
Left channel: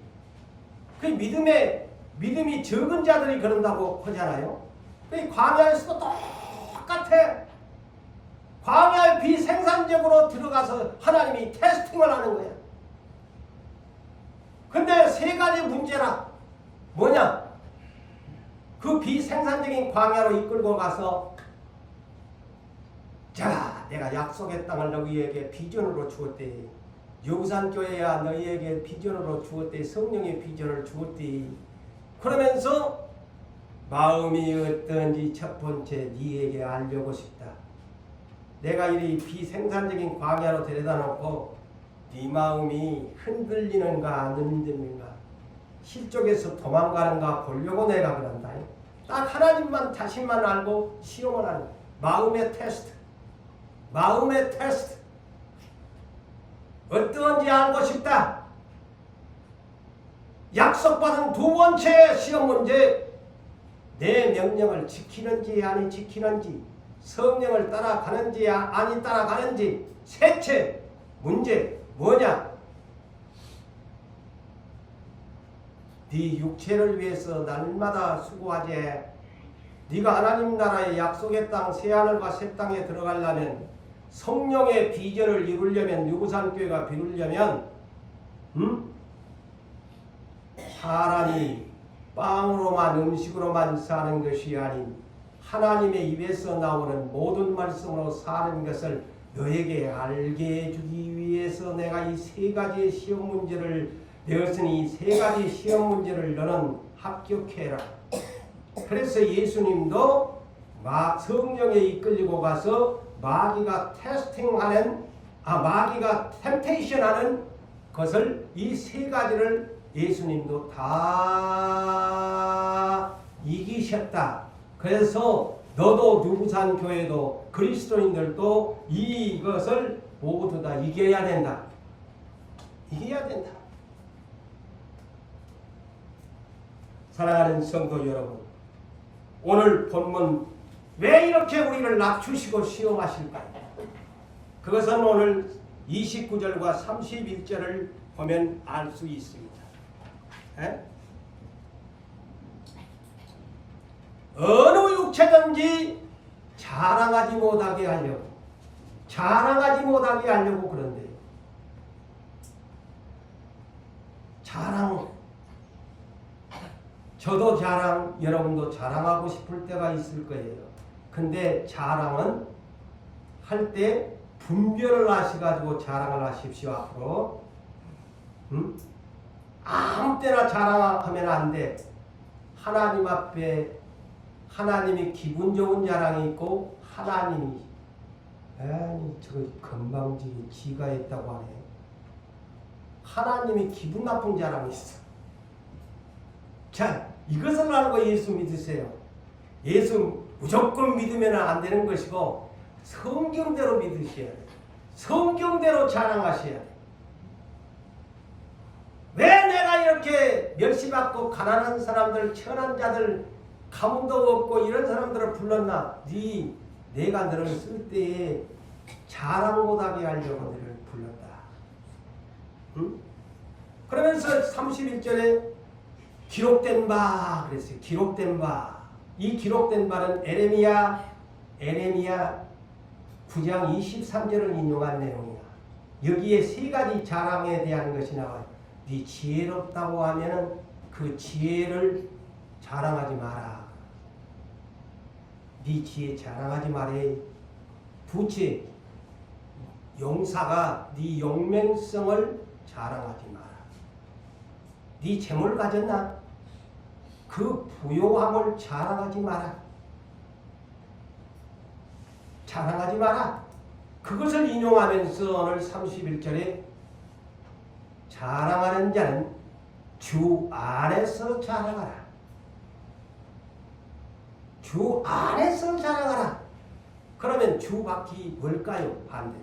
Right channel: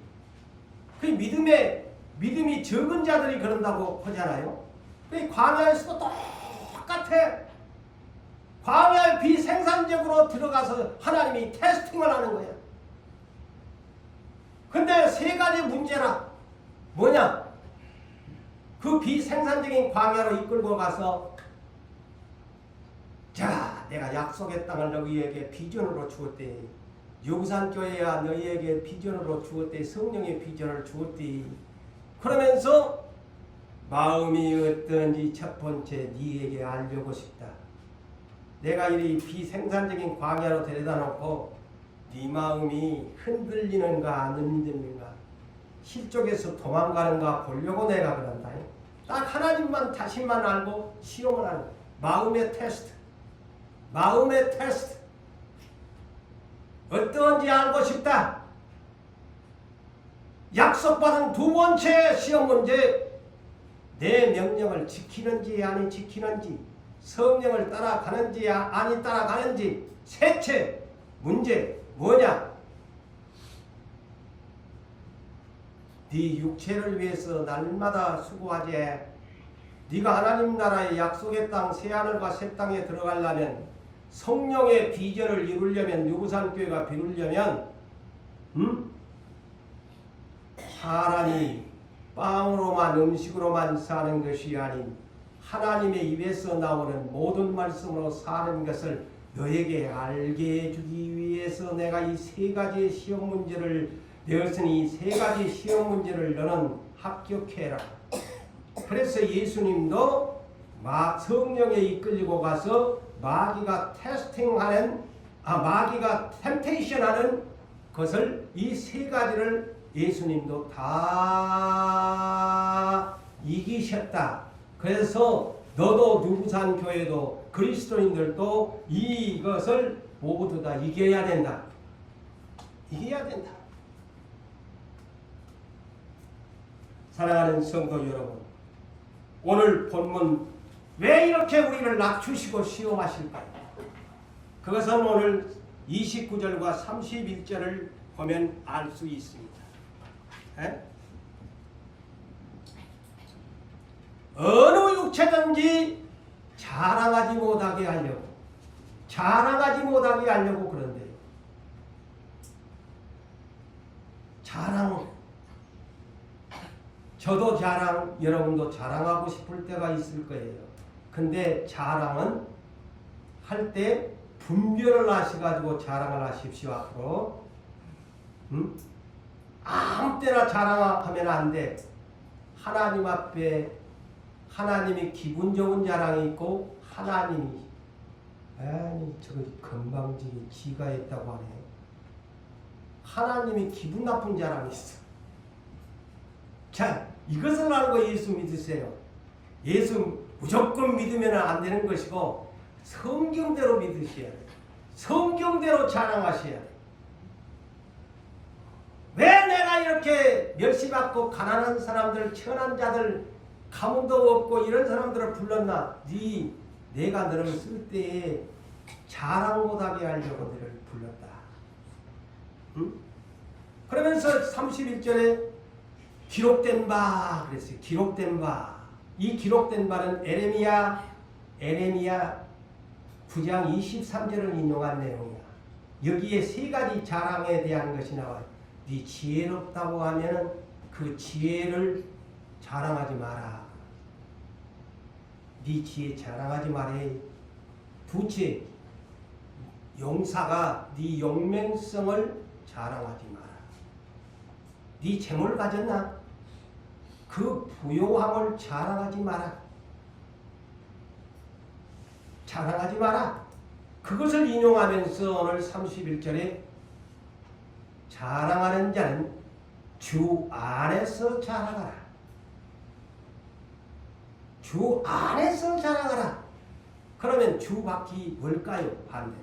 그 믿음이 적은 자들이 그런다고 하잖아요. 그 광야에서도 똑같아. 광야의 비생산적으로 들어가서 하나님이 테스팅을 하는 거야. 근데 세 가지 문제라. 뭐냐? 그 비생산적인 광야로 이끌고 가서 자, 내가 약속의 땅을 너희에게 비전으로 주었대. 유산교회야 너희에게 비전으로 주었대. 성령의 비전을 주었대. 그러면서 마음이 어떤지 첫 번째 네에게 알려고 싶다. 내가 이 비생산적인 광야로 데려다 놓고 네 마음이 흔들리는가 안 흔들리는가 실족에서 도망가는가 보려고 내가 그런다. 딱 하나님만 자신만 알고 시험을 하는 거야. 마음의 테스트. 마음의 테스트. 어떤지 알고 싶다. 약속받은 두 번째 시험 문제. 내 명령을 지키는지 아니 지키는지, 성령을 따라가는지 아니 따라가는지. 셋째 문제 뭐냐? 네 육체를 위해서 날마다 수고하지. 네가 하나님 나라의 약속의 땅 새하늘과 새 땅에 들어가려면, 성령의 비전을 이루려면, 유구산교회가 이루려면 사람이 빵으로만 음식으로만 사는 것이 아닌 하나님의 입에서 나오는 모든 말씀으로 사는 것을 너에게 알게 해주기 위해서 내가 이 세 가지의 시험 문제를 내었으니 이 세 가지 시험 문제를 너는 합격해라. 그래서 예수님도 성령에 이끌리고 가서 마귀가 테스팅하는 마귀가 템테이션하는 것을 이 세 가지를 예수님도 다 이기셨다. 그래서 너도 누구산 교회도 그리스도인들도 이것을 모두 다 이겨야 된다. 이겨야 된다. 사랑하는 성도 여러분, 오늘 본문 왜 이렇게 우리를 낮추시고 시험하실까요? 그것은 오늘 29절과 31절을 보면 알 수 있습니다. 어느 육체든지 자랑하지 못하게 하려고 그런데요. 자랑, 저도 자랑, 여러분도 자랑하고 싶을 때가 있을 거예요. 근데 자랑은 할 때 분별을 하셔가지고 자랑을 하십시오. 앞으로 아무 때나 자랑하면 안 돼. 하나님 앞에 하나님이 기분 좋은 자랑이 있고, 하나님이 아니 저거 건방지게 지가 했다고 하네. 하나님이 기분 나쁜 자랑이 있어. 자, 이것을 알고 예수 믿으세요. 예수 무조건 믿으면 안 되는 것이고 성경대로 믿으셔야 돼요. 성경대로 자랑하셔야 돼요. 왜 내가 이렇게 멸시받고 가난한 사람들, 천한 자들, 가문도 없고 이런 사람들을 불렀나? 내가 너를 쓸 때에 자랑 못하게 하려고 너를 불렀다. 응? 그러면서 31절에 기록된 바 그랬어요. 기록된 바. 이 기록된 바는 에레미야 9장 23절을 인용한 내용이야. 여기에 세 가지 자랑에 대한 것이 나와요. 네 지혜롭다고 하면은 그 지혜를 자랑하지 마라. 네 지혜 자랑하지 말해. 두째, 용사가 네 용맹성을 자랑하지 마라. 네 재물 가졌나? 그 부요함을 자랑하지 마라. 자랑하지 마라. 그것을 인용하면서 오늘 31절에 자랑하는 자는 주 안에서 자랑하라. 주 안에서 자랑하라. 그러면 주 밖이 뭘까요? 반대.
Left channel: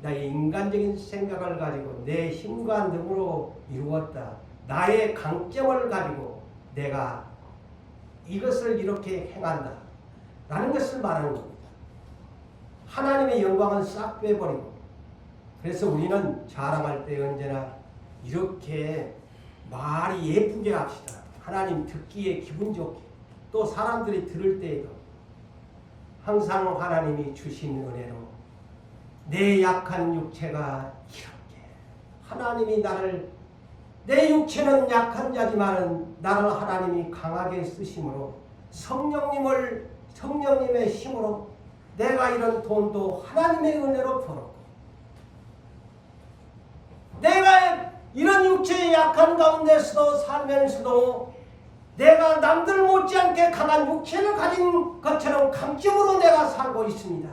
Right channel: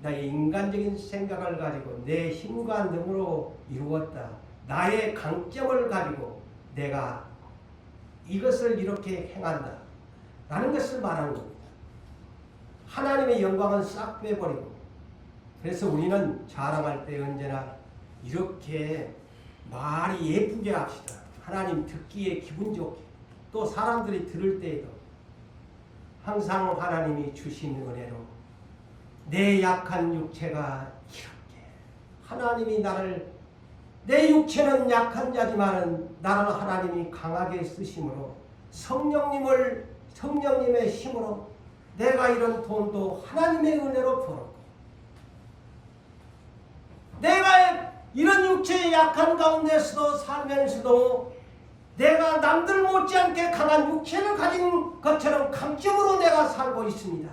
나의 인간적인 생각을 가지고 내 힘과 능으로 이루었다. 나의 강점을 가지고 내가 이것을 이렇게 행한다. 라는 것을 말하는 겁니다. 하나님의 영광은 싹 빼버리고, 그래서 우리는 자랑할 때 언제나 이렇게 말이 예쁘게 합시다. 하나님 듣기에 기분 좋게, 또 사람들이 들을 때에도 항상 하나님이 주신 은혜로 내 약한 육체가 이렇게 하나님이 나를 내 육체는 약한 자지만 나를 하나님이 강하게 쓰심으로 성령님의 힘으로 내가 이런 돈도 하나님의 은혜로 벌었고 내가 이런 육체의 약한 가운데서도 살면서도 내가 남들 못지않게 강한 육체를 가진 것처럼 강점으로 내가 살고 있습니다.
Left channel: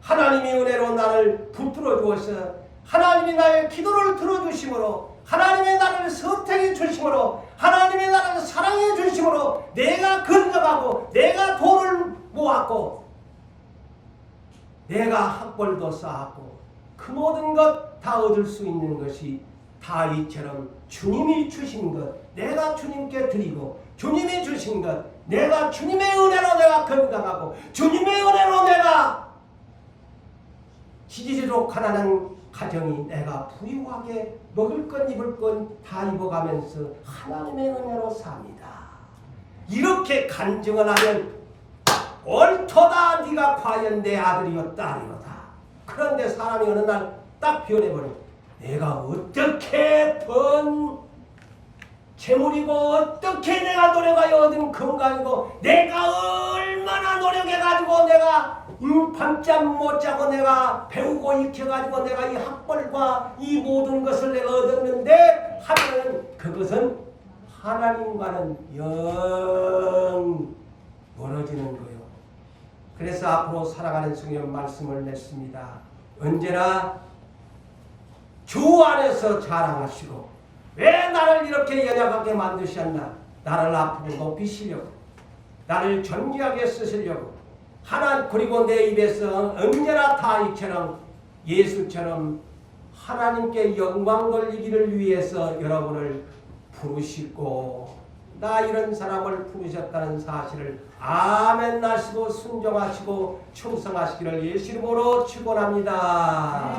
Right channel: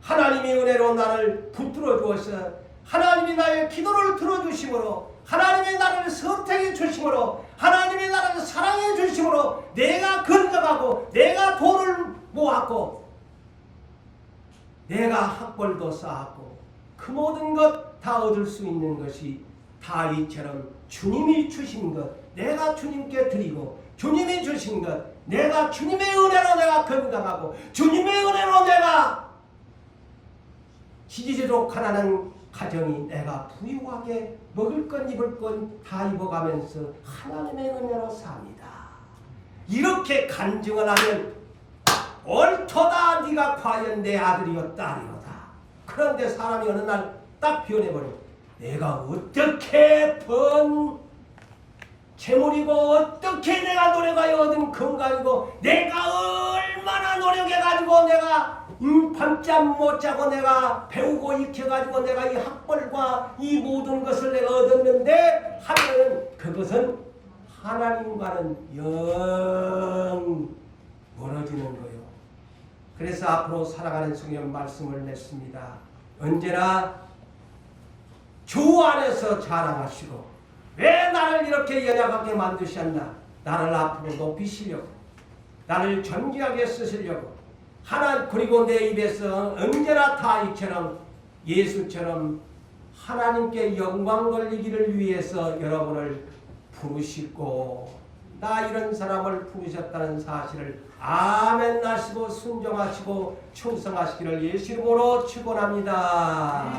하나님의 은혜로 나를 붙들어 주어서 하나님이 나의 기도를 들어주심으로 하나님의 나를 선택해 주심으로 하나님의 나를 사랑해 주심으로 내가 건강하고 내가 돈을 모았고 내가 학벌도 쌓았고 그 모든 것 다 얻을 수 있는 것이 다 이처럼 주님이 주신 것 내가 주님께 드리고 주님이 주신 것 내가 주님의 은혜로 내가 건강하고 주님의 은혜로 내가 지지리로 가난한 가정이 내가 부유하게 먹을 것 입을 것 다 입어가면서 하나님의 은혜로 삽니다. 이렇게 간증을 하면 옳도다 네가 과연 내 아들이요 딸이로다. 그런데 사람이 어느 날 딱 변해버려. 내가 어떻게 번 재물이고 어떻게 내가 노력하여 얻은 건강이고 내가 얼마나 노력해가지고 내가 밤잠 못 자고 내가 배우고 익혀가지고 내가 이 학벌과 이 모든 것을 내가 얻었는데 하면 그것은 하나님과는 영 멀어지는 거예요. 그래서 앞으로 살아가는 성경 말씀을 냈습니다. 언제나 주 안에서 자랑하시고 왜 나를 이렇게 연약하게 만드셨나? 나를 앞으로 높이시려고 나를 존귀하게 쓰시려고 그리고 내 입에서 언제나 다 이처럼 예수처럼 하나님께 영광 돌리기를 위해서 여러분을 부르시고 나 이런 사람을 부르셨다는 사실을 아멘 하시고 순종하시고 충성하시기를 예수 이름으로 축원합니다.